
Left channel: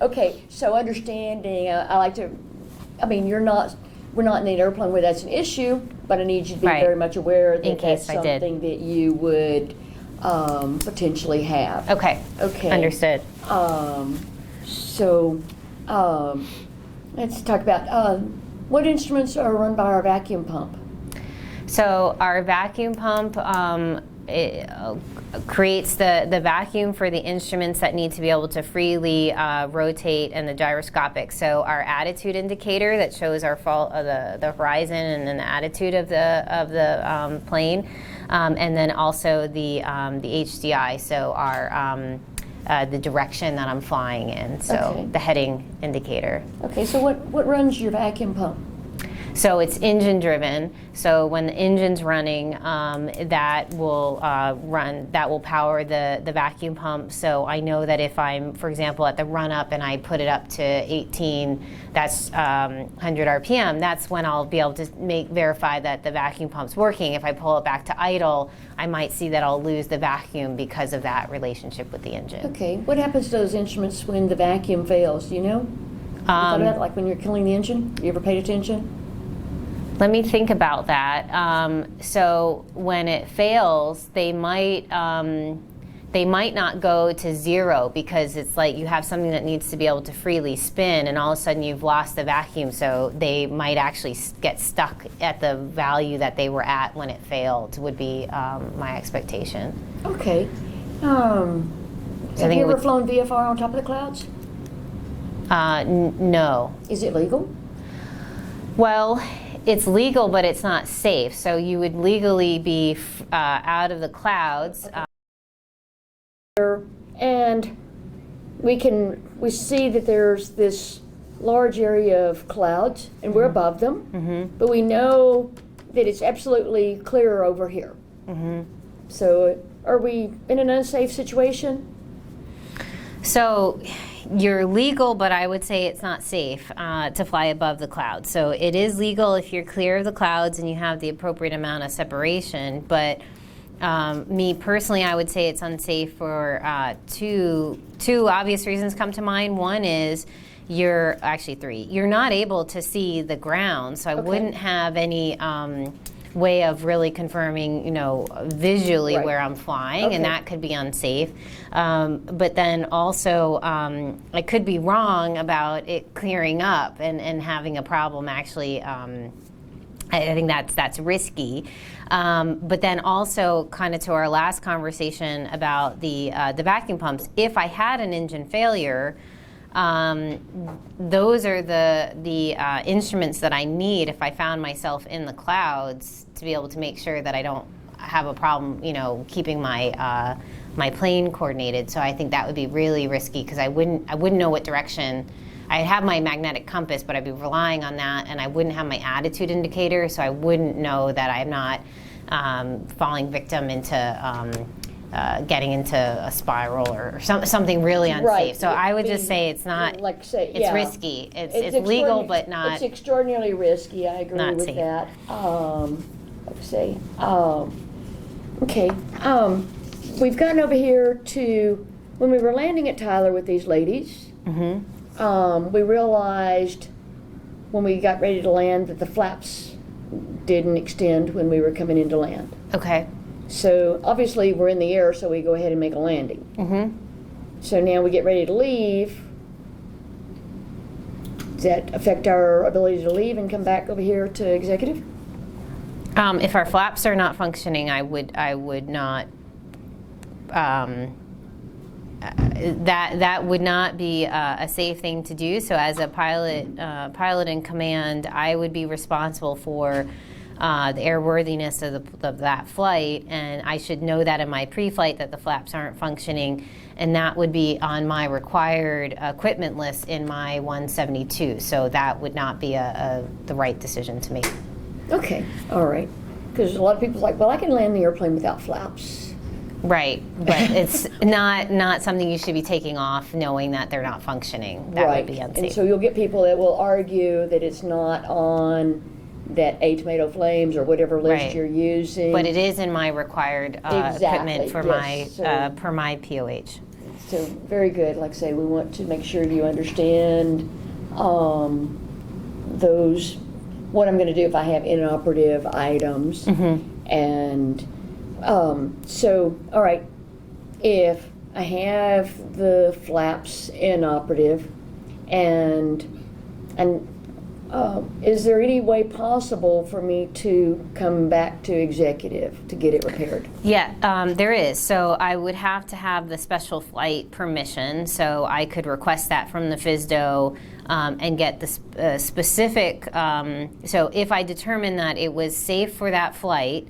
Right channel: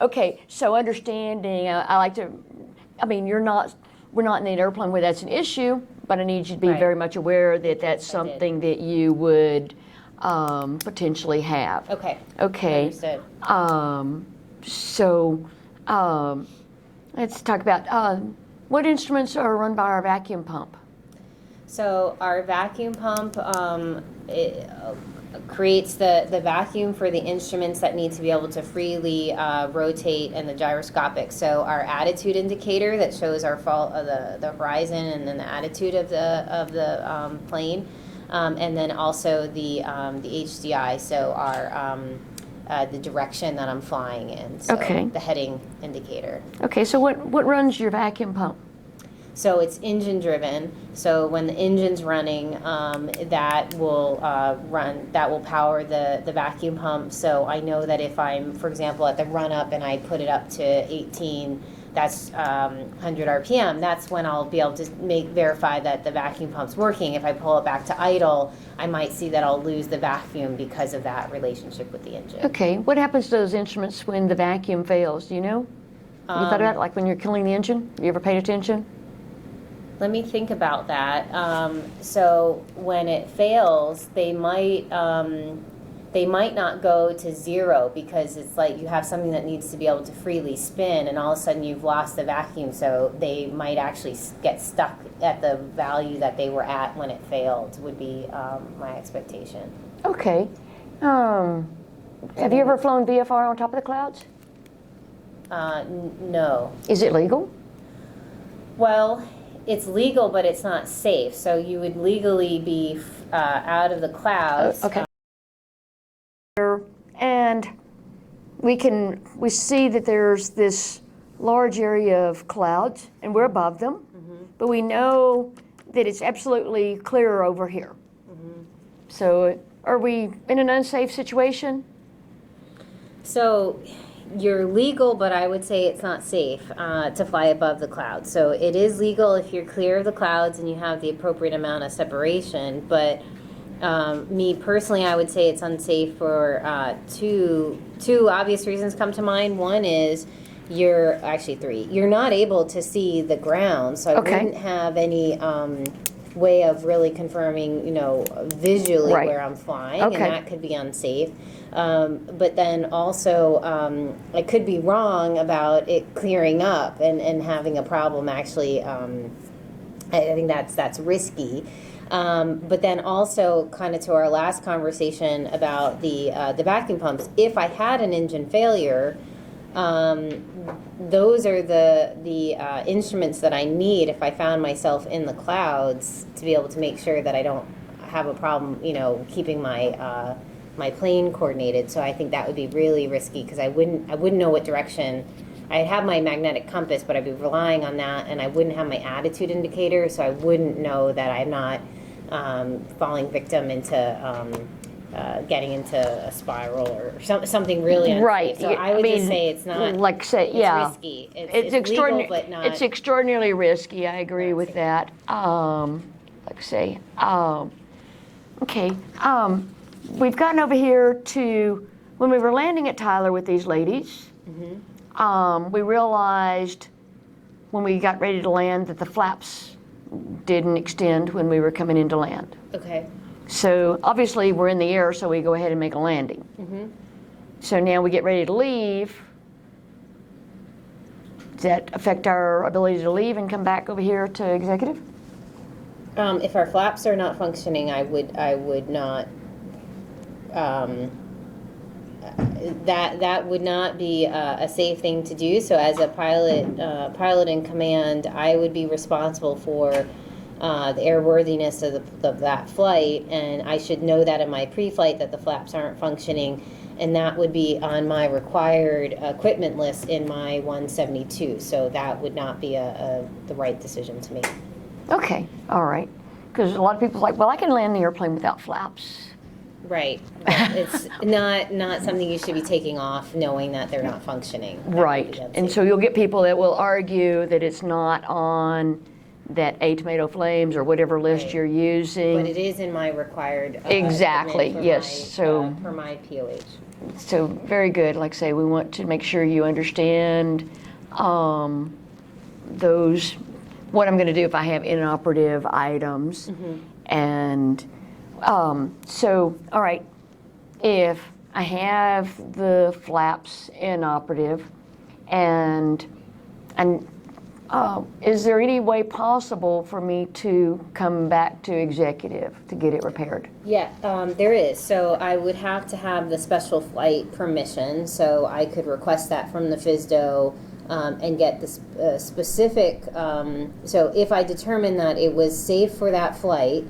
Okay, so understanding, I like to, I mean, we're not in an airplane where that's an issue, but I need you to be Right. very much aware that In that's case I did. something that you would potentially have. Okay. Okay. Understood. So let's talk about what instruments are run by our vacuum pump. So our vacuum pump creates the vacuum for the instruments that need to be able to freely rotate, and the gyroscopic. So our attitude indicator that shows our the horizon and then the attitude of the plane, and then also the HDI. So our the direction that I'm flying in. So the heading indicator. Okay, so what runs your vacuum pump? So it's engine driven. So when the engine's running, that will power the vacuum pump. So I know that if I'm, for example, at the run up and I put it up to 18, that's 100 RPM, that's when I'll be able to verify that the vacuum pump's working. If I pull it back to idle, I might see that I'll lose the vacuum because of that relationship with the engine. Okay, what happens to those instruments when the vacuum fails? Do you know? You thought about it, like when you're killing the engine? You ever paid attention? Let me think about that. So when it fails, they might not go to zero, because it's like you have something that needs to be able to freely spin, and all of a sudden you've lost the vacuum. So they might actually get stuck at the value that they were at when it failed, would be my expectation. Okay. Have you ever flown VFR on top of the clouds? No. Is it legal? Well, it's legal, but it's not safe. So you would legally be out of the clouds. Okay. And we see that there's this large area of clouds, and we're above them, but we know that it's absolutely clear over here. So are we in an unsafe situation? So you're legal, but I would say it's not safe to fly above the clouds. So it is legal if you're clear of the clouds and you have the appropriate amount of separation, but me personally, I would say it's unsafe for two obvious reasons come to mind. One is actually three. You're not able to see the ground, so I wouldn't have any way of really confirming, visually where I'm flying, and that could be unsafe. But then also, I could be wrong about it clearing up and having a problem. Actually, I think that's risky. But then also, kind of to our last conversation about the vacuum pumps, if I had an engine failure, those are the instruments that I need if I found myself in the clouds, to be able to make sure that I don't have a problem, keeping my my plane coordinated. So I think that would be really risky, because I wouldn't know what direction. I'd have my magnetic compass, but I'd be relying on that, and I wouldn't have my attitude indicator, so I wouldn't know that I'm not falling victim into getting into a spiral or something really unsafe. Right. So I would just say it's not, like say, it's risky. It's legal, but not. It's extraordinarily risky. I agree not with safe. that. Like I say, okay. We've gotten over here to when we were landing at Tyler with these ladies. We realized when we got ready to land that the flaps didn't extend when we were coming in to land. Okay. So obviously we're in the air, so we go ahead and make a landing. So now we get ready to leave. Does that affect our ability to leave and come back over here to executive? If our flaps are not functioning, I would not. That would not be a safe thing to do. So as a pilot in command, I would be responsible for the airworthiness of that flight, and I should know that in my pre-flight that the flaps aren't functioning. and that would be on my required equipment list in my 172. So that would not be the right decision to make. Okay, all right. Because a lot of people are like, well, I can land the airplane without flaps. Right, but it's not something you should be taking off knowing that they're not functioning. That Right, would be unsafe. and so you'll get people that will argue that it's not on that A Tomato Flames or whatever list Right. you're using. But it is in my required Exactly, equipment for yes, so- per my POH. So very good. Like I say, we want to make sure you understand those, what I'm going to do if I have inoperative items. And so, all right, if I have the flaps inoperative, and is there any way possible for me to come back to executive to get it repaired? Yeah, there is. So I would have to have the special flight permission. So I could request that from the FSDO and get the specific. So if I determine that it was safe for that flight,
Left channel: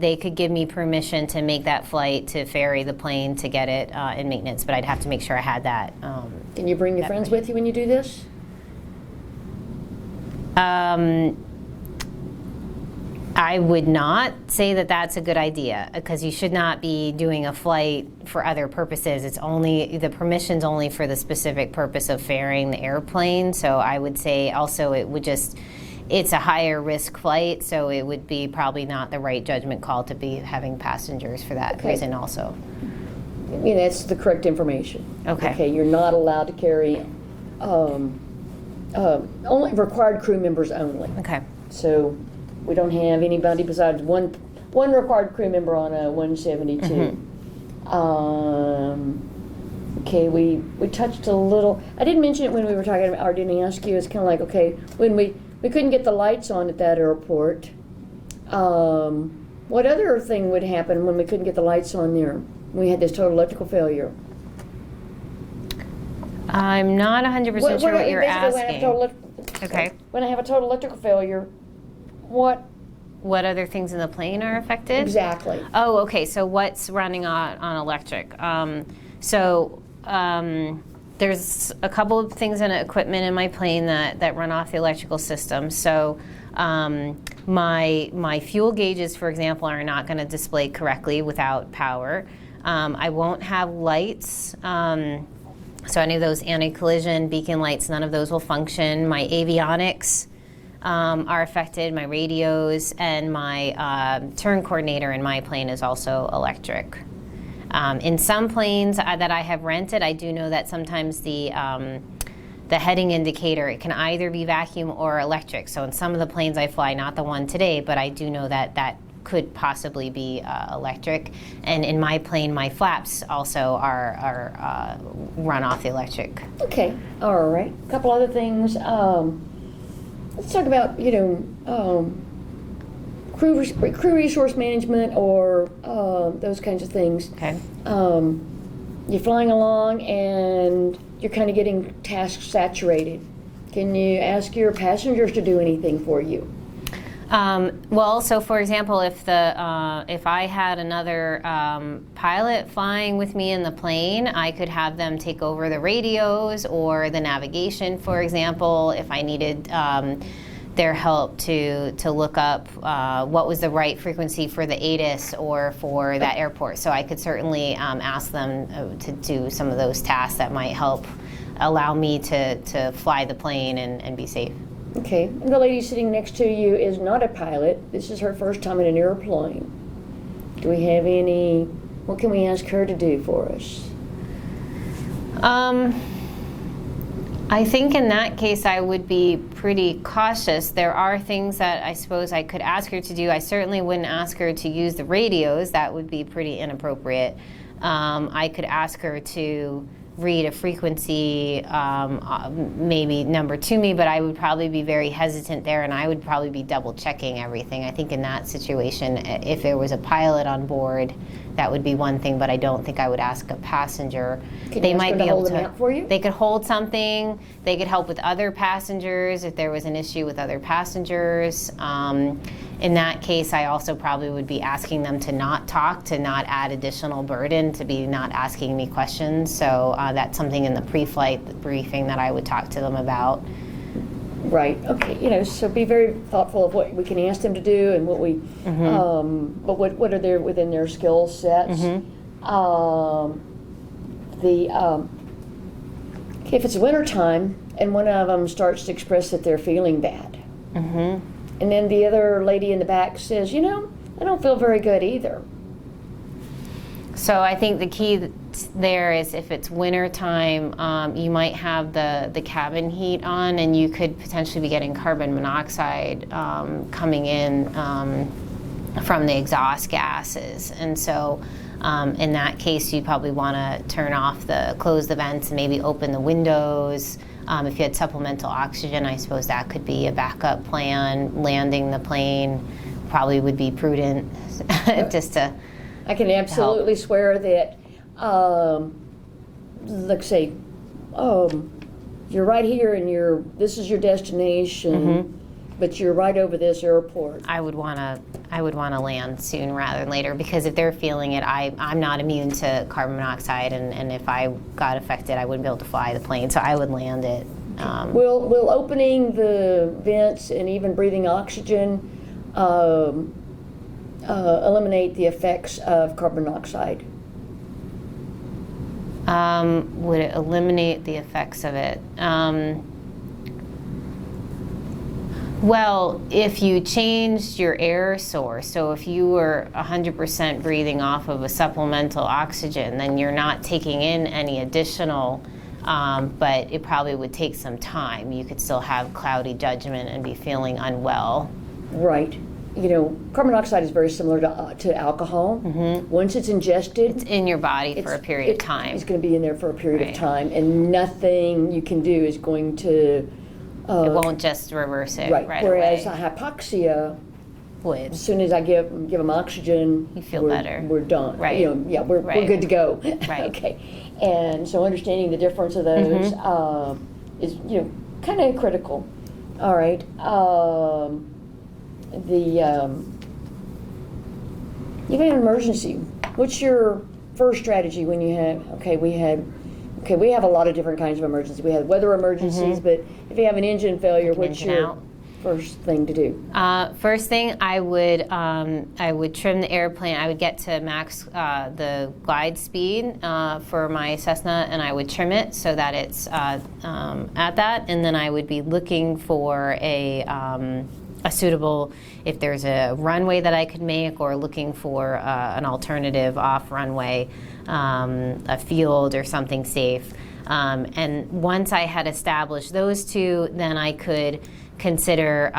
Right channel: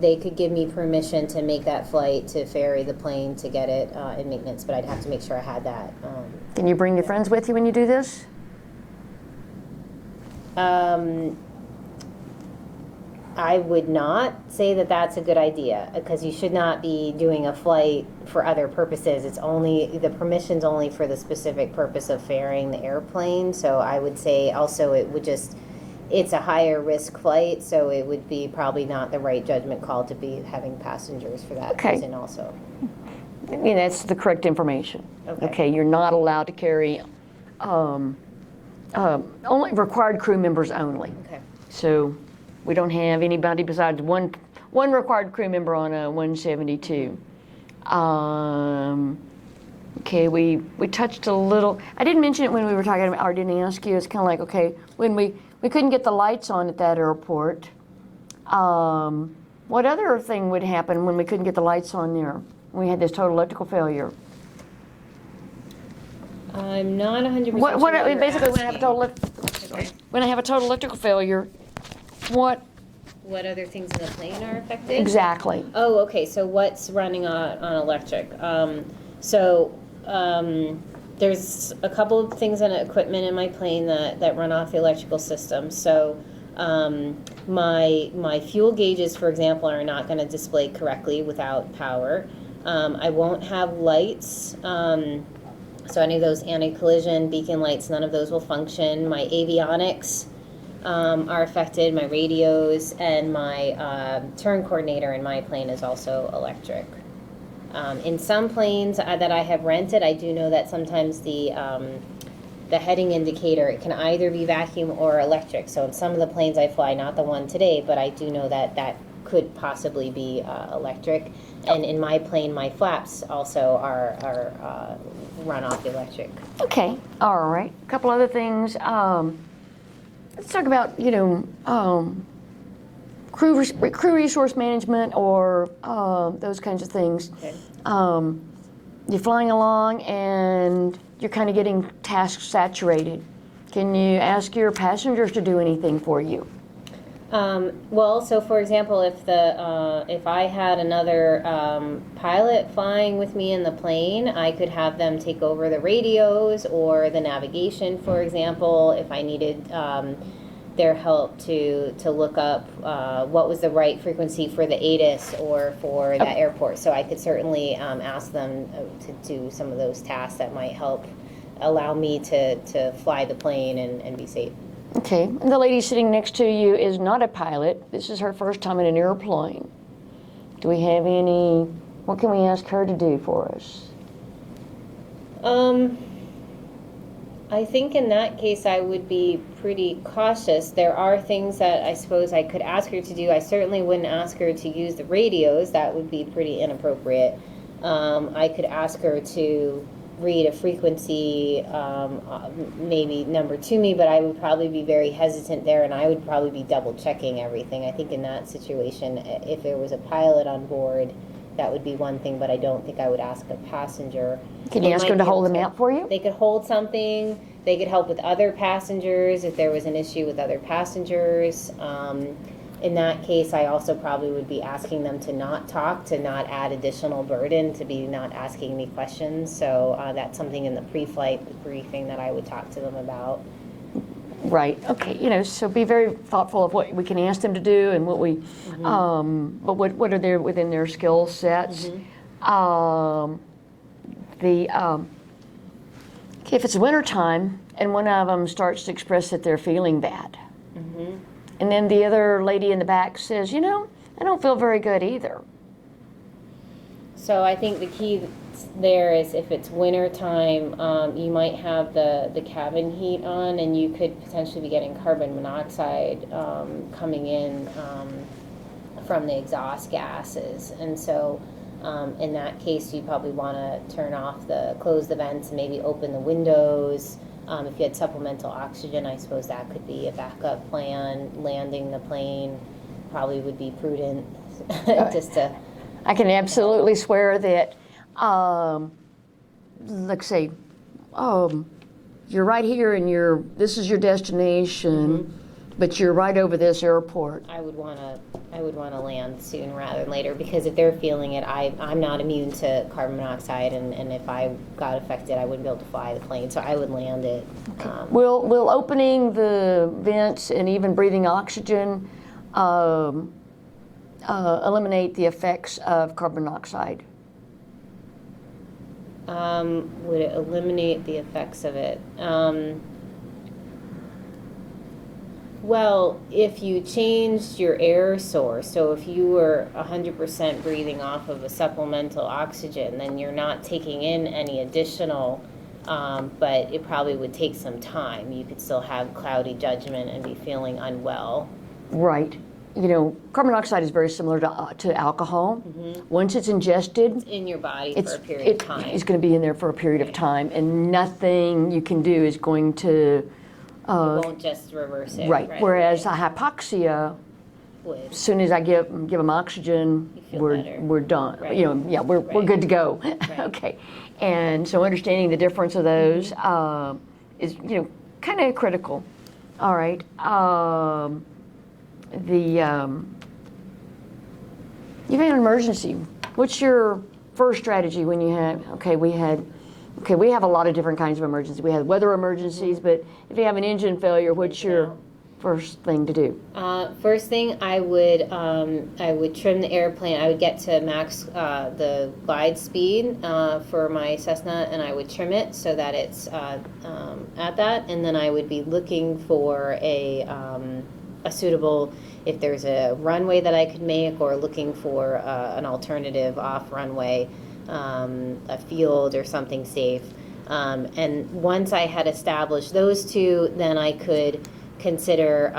they could give me permission to make that flight to ferry the plane to get it in maintenance. But I'd have to make sure I had that. Can you bring your friends with you when you do this? I would not say that that's a good idea, because you should not be doing a flight for other purposes. It's only, the permission's only for the specific purpose of ferrying the airplane. So I would say also it would just, it's a higher risk flight, so it would be probably not the right judgment call to be having passengers for that Okay. reason also. That's the correct information. Okay. Okay, you're not allowed to carry, only required crew members only. Okay. So we don't have anybody besides one required crew member on a 172. Okay, we touched a little, I didn't mention it when we were talking about, or didn't ask you, it's kind of like, okay, when we couldn't get the lights on at that airport, what other thing would happen when we couldn't get the lights on there? We had this total electrical failure. I'm not 100% sure what you're basically, asking. Okay. When I have a total electrical failure, what What other things in the plane are affected? exactly? Oh, okay. So what's running on electric? There's a couple of things in equipment in my plane that run off the electrical system. So my fuel gauges, for example, are not going to display correctly without power. I won't have lights. So any of those anti-collision beacon lights, none of those will function. My avionics are affected, my radios, and my turn coordinator in my plane is also electric. In some planes that I have rented, I do know that sometimes the heading indicator, it can either be vacuum or electric. So in some of the planes I fly, not the one today, but I do know that that could possibly be electric. And in my plane, my flaps also are run off the electric. Okay, all right. A couple other things. Let's talk about, crew resource management or those kinds of things. Okay. You're flying along and you're kind of getting task saturated. Can you ask your passengers to do anything for you? Well, so for example, if I had another pilot flying with me in the plane, I could have them take over the radios or the navigation, for example, if I needed their help to look up what was the right frequency for the ATIS or for that airport. So I could certainly ask them to do some of those tasks that might help allow me to fly the plane and be safe. Okay, the lady sitting next to you is not a pilot. This is her first time in an airplane. Do we have any, what can we ask her to do for us? I think in that case I would be pretty cautious. There are things that I suppose I could ask her to do. I certainly wouldn't ask her to use the radios. That would be pretty inappropriate. I could ask her to read a frequency, maybe number to me, but I would probably be very hesitant there, and I would probably be double checking everything. I think in that situation, if there was a pilot on board, that would be one thing, but I don't think I would ask a passenger. Can you ask them to hold the map for you? They could hold something. They could help with other passengers if there was an issue with other passengers. In that case, I also probably would be asking them to not talk, to not add additional burden, to be not asking me questions. So that's something in the pre-flight briefing that I would talk to them about. Right. Okay. So be very thoughtful of what we can ask them to do and what we, but what are there within their skill sets. If it's wintertime and one of them starts to express that they're feeling bad, and then the other lady in the back says, I don't feel very good either. So I think the key there is if it's winter time, you might have the cabin heat on, and you could potentially be getting carbon monoxide coming in from the exhaust gases. And so in that case, you probably want to close the vents and maybe open the windows. If you had supplemental oxygen, I suppose that could be a backup plan. Landing the plane probably would be prudent just to I can absolutely swear that, let's say, you're right here and this is your destination, but you're right over this airport. I would want to land soon rather than later, because if they're feeling it, I'm not immune to carbon monoxide, and if I got affected, I wouldn't be able to fly the plane, so I would land it. Will opening the vents and even breathing oxygen eliminate the effects of carbon monoxide? Would it eliminate the effects of it? Well, if you changed your air source, so if you were 100% breathing off of a supplemental oxygen, then you're not taking in any additional, but it probably would take some time. You could still have cloudy judgment and be feeling unwell. Right. Carbon monoxide is very similar to alcohol. Once it's ingested, it's in your body for a period of time. It's going to be in there for a period of time, and nothing you can do is going to. It won't just reverse it. Right. Whereas away. a hypoxia, Would. as soon as I give them oxygen, You feel better. We're done. Right. We're good to go. Right. Okay. And so understanding the difference of those is kind of critical. All right. You have an emergency. What's your first strategy when you have? We have a lot of different kinds of emergencies. We have weather emergencies, but if you have an engine failure, what's your first thing to do? First thing, I would trim the airplane. I would get to max the glide speed for my Cessna, and I would trim it so that it's at that. And then I would be looking for a suitable, if there's a runway that I could make, or looking for an alternative off runway, a field or something safe. And once I had established those two, then I could consider,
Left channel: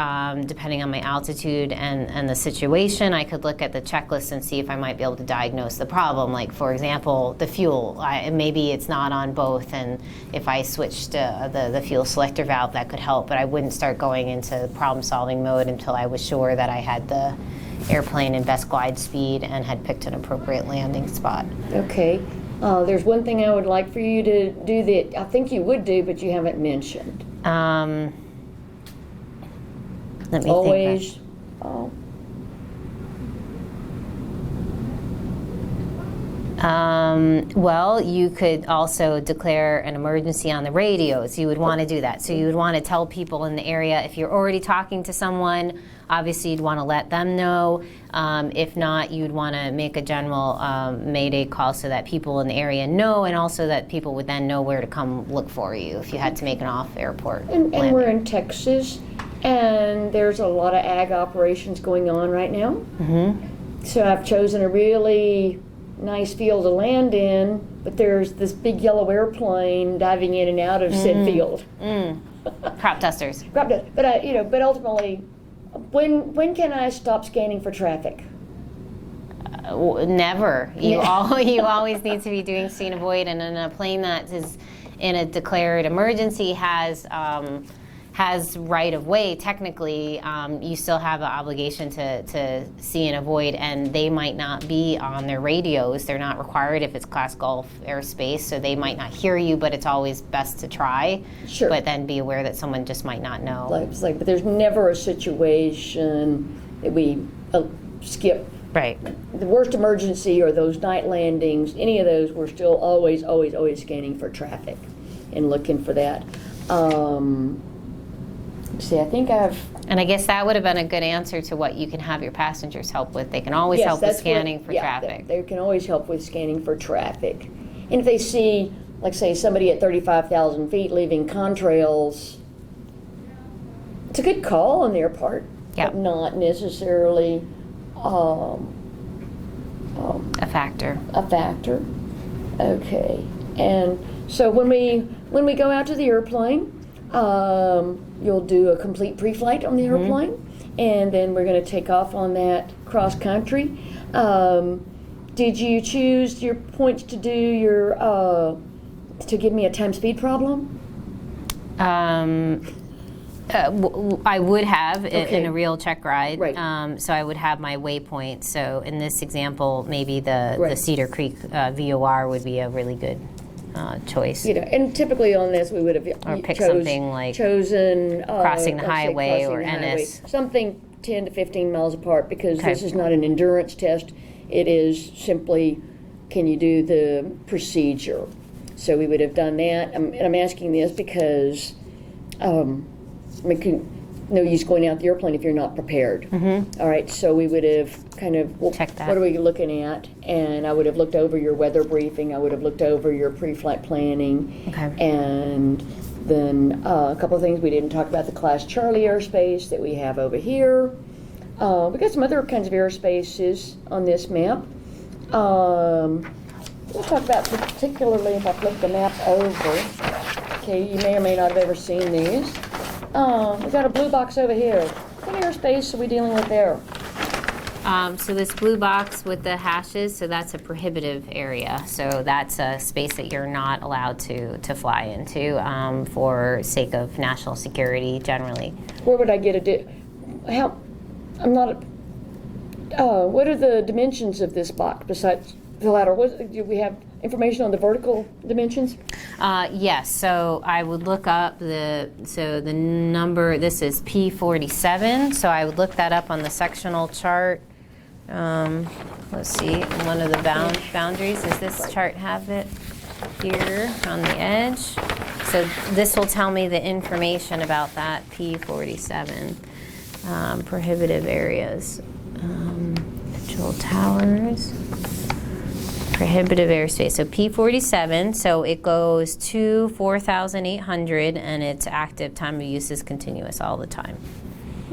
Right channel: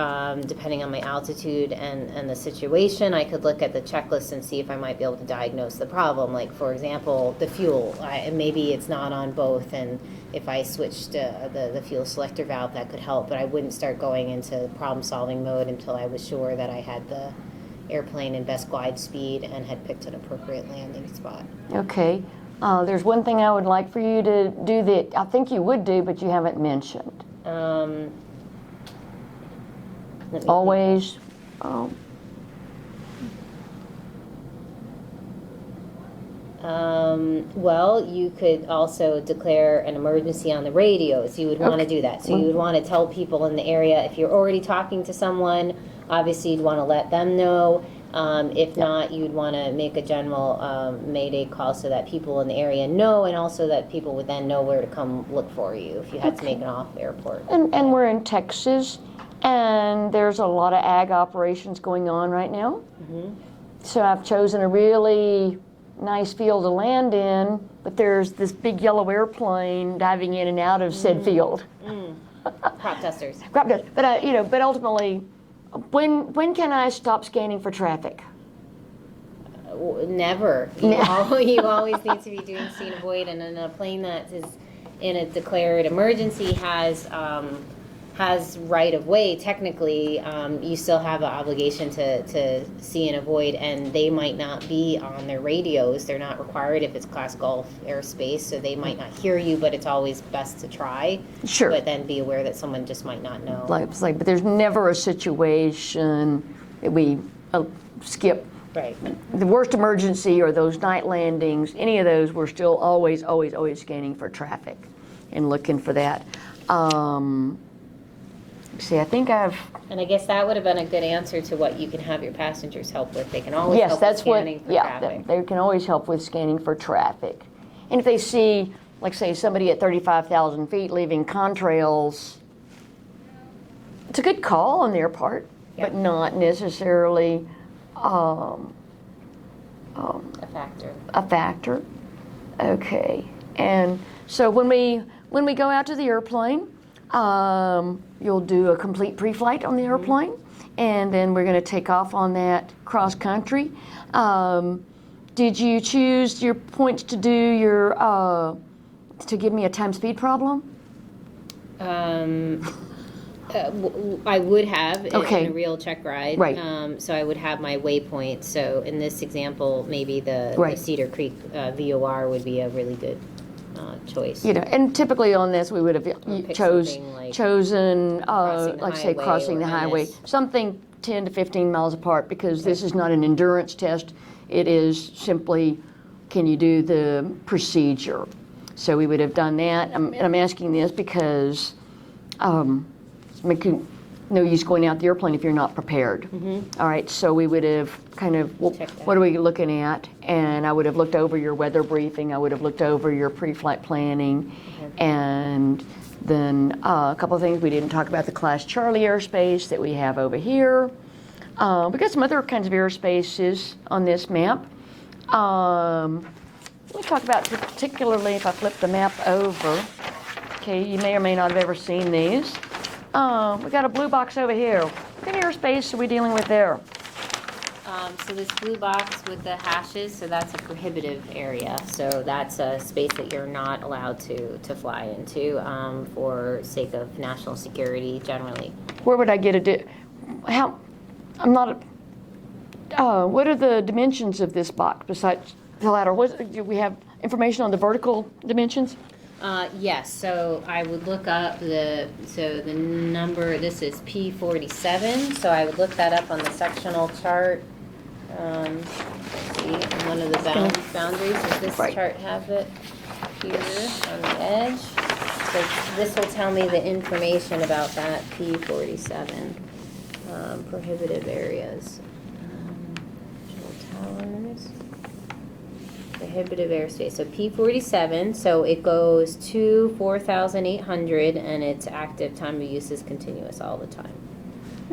depending on my altitude and the situation, I could look at the checklist and see if I might be able to diagnose the problem. Like, for example, the fuel. Maybe it's not on both, and if I switched the fuel selector valve, that could help. But I wouldn't start going into problem-solving mode until I was sure that I had the airplane in best glide speed and had picked an appropriate landing spot. Okay. There's one thing I would like for you to do that I think you would do, but you haven't mentioned. Let me Always. Well, you could also declare an emergency on the radios. You would want to do that. So you would want to tell people in the area, if you're already talking to someone, obviously you'd want to let them know. If not, you'd want to make a general Mayday call so that people in the area know, and also that people would then know where to come look for you if you had to make an off-airport And landing. we're in Texas, and there's a lot of ag operations going on right now. So I've chosen a really nice field to land in, but there's this big yellow airplane diving in and out of said field. Crop dusters. But ultimately, when can I stop scanning for traffic? Never. You always need to be doing scene avoid, and in a plane that is in a declared emergency has right of way. Technically, you still have an obligation to see and avoid, and they might not be on their radios. They're not required if it's Class Gulf airspace, so they might not hear you. But it's always best to try. Sure. But then be aware that someone just might not know. But there's never a situation that we skip. Right. The worst emergency or those night landings, any of those, we're still always scanning for traffic and looking for that. See, I think And I guess that would have been a good answer to what you can have your passengers help with. They can always help with scanning for traffic. They can always help with scanning for traffic. And if they see, like say, somebody at 35,000 feet leaving contrails, it's a good call on their part, but not necessarily a factor. A factor. Okay. And so when we go out to the airplane, you'll do a complete pre-flight on the airplane, and then we're going to take off on that cross country. Did you choose your points to do your to give me a time speed problem? I would have in a real check ride. Right. So I would have my waypoint. So in this example, maybe the Cedar Creek VOR would be a really good choice. You know, and typically on this we would have something like chosen crossing the highway or Ennis. Something 10 to 15 miles apart, because this is not an endurance test. It is simply, can you do the procedure? So we would have done that. And I'm asking this because no use going out the airplane if you're not prepared. All right, so we would have kind of, check that. What are we looking at? And I would have looked over your weather briefing. I would have looked over your pre-flight planning. And then a couple of things we didn't talk about, the Class Charlie airspace that we have over here. We got some other kinds of airspaces on this map. Let me talk about particularly, if I flip the map over. Okay, you may or may not have ever seen these. We got a blue box over here. What kind of airspace are we dealing with there? So this blue box with the hashes, so that's a prohibitive area. So that's a space that you're not allowed to fly into for sake of national security generally. Where would I get what are the dimensions of this box besides the ladder? Do we have information on the vertical dimensions? Yes, so I would look up the number, this is P47, so I would look that up on the sectional chart. Let's see, in one of the boundaries, does this chart have it here on the edge? So this will tell me the information about that P47. Prohibitive areas, control towers. Prohibitive airspace, so P47, so it goes to 4,800 and its active time of use is continuous all the time.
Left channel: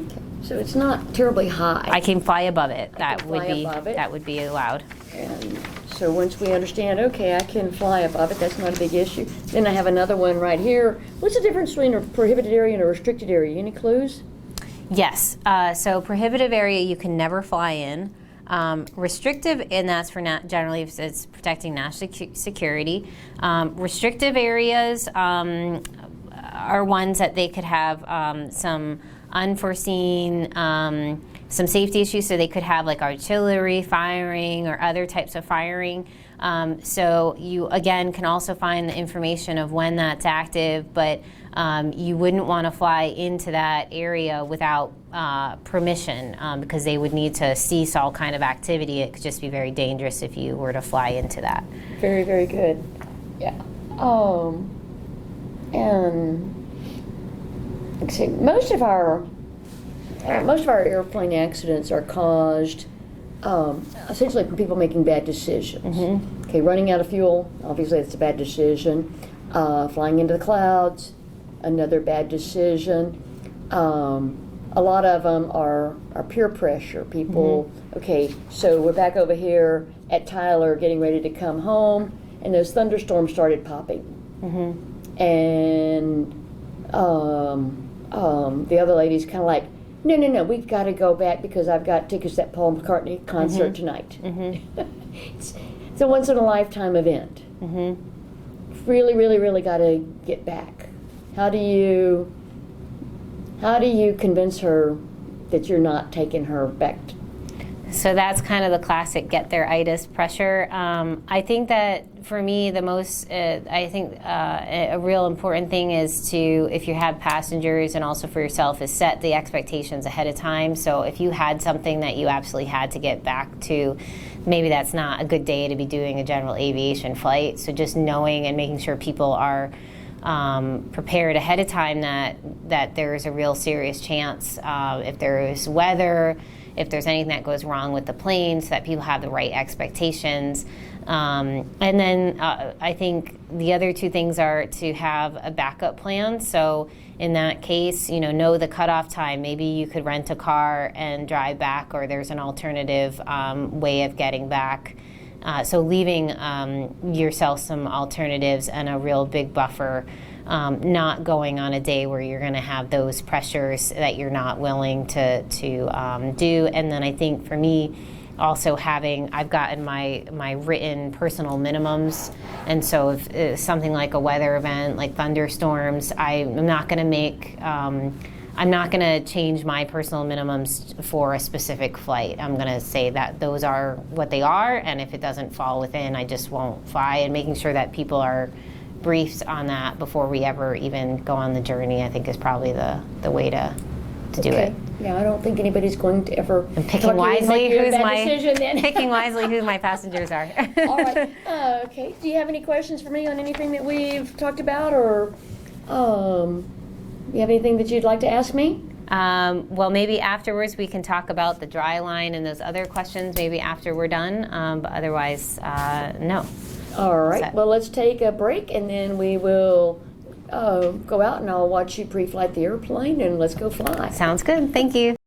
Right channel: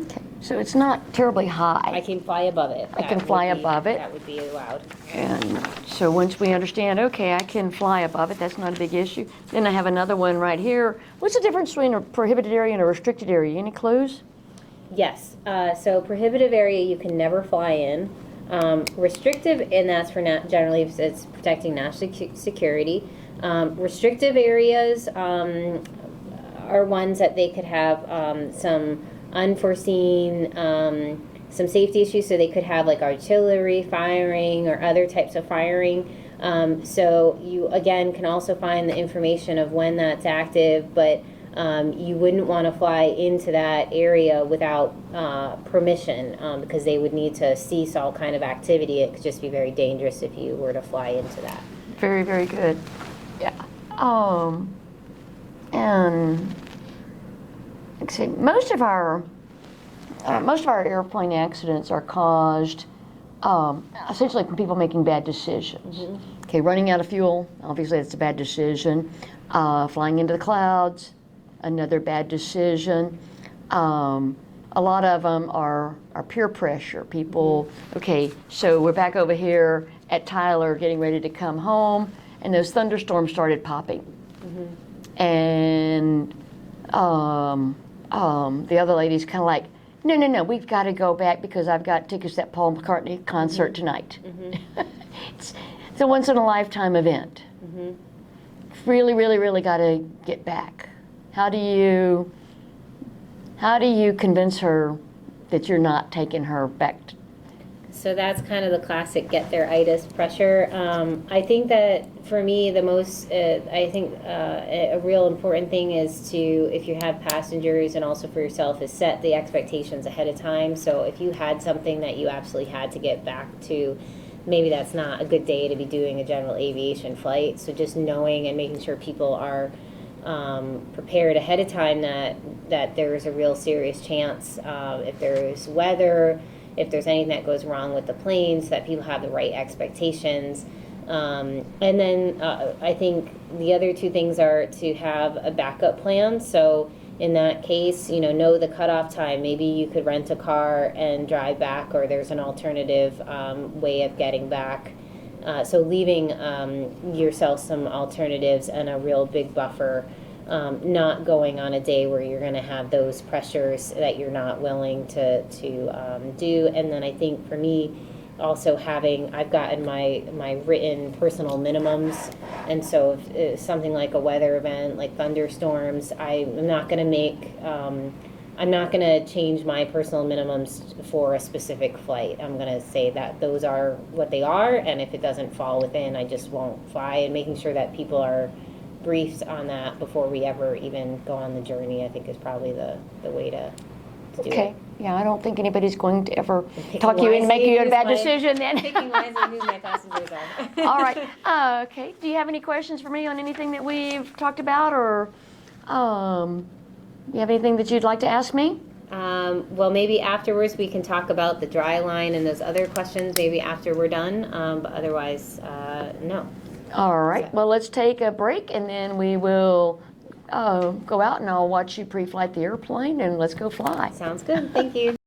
Okay. So it's not terribly high. I can fly above it. I can fly above it. That would be allowed. And so once we understand, okay, I can fly above it, that's not a big issue. Then I have another one right here. What's the difference between a prohibited area and a restricted area? Any clues? Yes, so prohibitive area you can never fly in. Restrictive, and that's for generally it's protecting national security. Restrictive areas are ones that they could have some unforeseen, some safety issues, so they could have like artillery firing or other types of firing. So you, again, can also find the information of when that's active, but you wouldn't want to fly into that area without permission because they would need to cease all kind of activity. It could just be very dangerous if you were to fly into that. Very, very good. Yeah. And let's see, most of our airplane accidents are caused essentially from people making bad decisions. Okay, running out of fuel, obviously that's a bad decision. Flying into the clouds, another bad decision. A lot of them are peer pressure. People, okay, so we're back over here at Tyler getting ready to come home, and those thunderstorms started popping. And the other lady's kind of like, no, we've got to go back because I've got tickets to that Paul McCartney concert tonight. It's a once-in-a-lifetime event. Really, really, really got to get back. How do you convince her that you're not taking her back So that's kind of the classic get there itis pressure. I think that for me, the most, a real important thing is to, if you have passengers and also for yourself, is set the expectations ahead of time. So if you had something that you absolutely had to get back to, maybe that's not a good day to be doing a general aviation flight. So just knowing and making sure people are prepared ahead of time that there is a real serious chance, if there is weather, if there's anything that goes wrong with the plane, so that people have the right expectations. And then I think the other two things are to have a backup plan. So in that case, know the cutoff time. Maybe you could rent a car and drive back, or there's an alternative way of getting back. So leaving yourself some alternatives and a real big buffer, not going on a day where you're going to have those pressures that you're not willing to do. And then I think for me, also I've gotten my written personal minimums, and so if something like a weather event, like thunderstorms, I'm not going to change my personal minimums for a specific flight. I'm going to say that those are what they are, and if it doesn't fall within, I just won't fly. And making sure that people are briefed on that before we ever even go on the journey, I think is probably the way to do it. Yeah, I don't think anybody's going to ever Picking talk you into making a bad wisely decision then. picking wisely who my passengers are. All right. Okay. Do you have any questions for me on anything that we've talked about, or you have anything that you'd like to ask me? Well, maybe afterwards we can talk about the dry line and those other questions, maybe after we're done, but otherwise, no. All right. Well, let's take a break, and then we will go out, and I'll watch you pre-flight the airplane, and let's go fly. Sounds good. Thank you.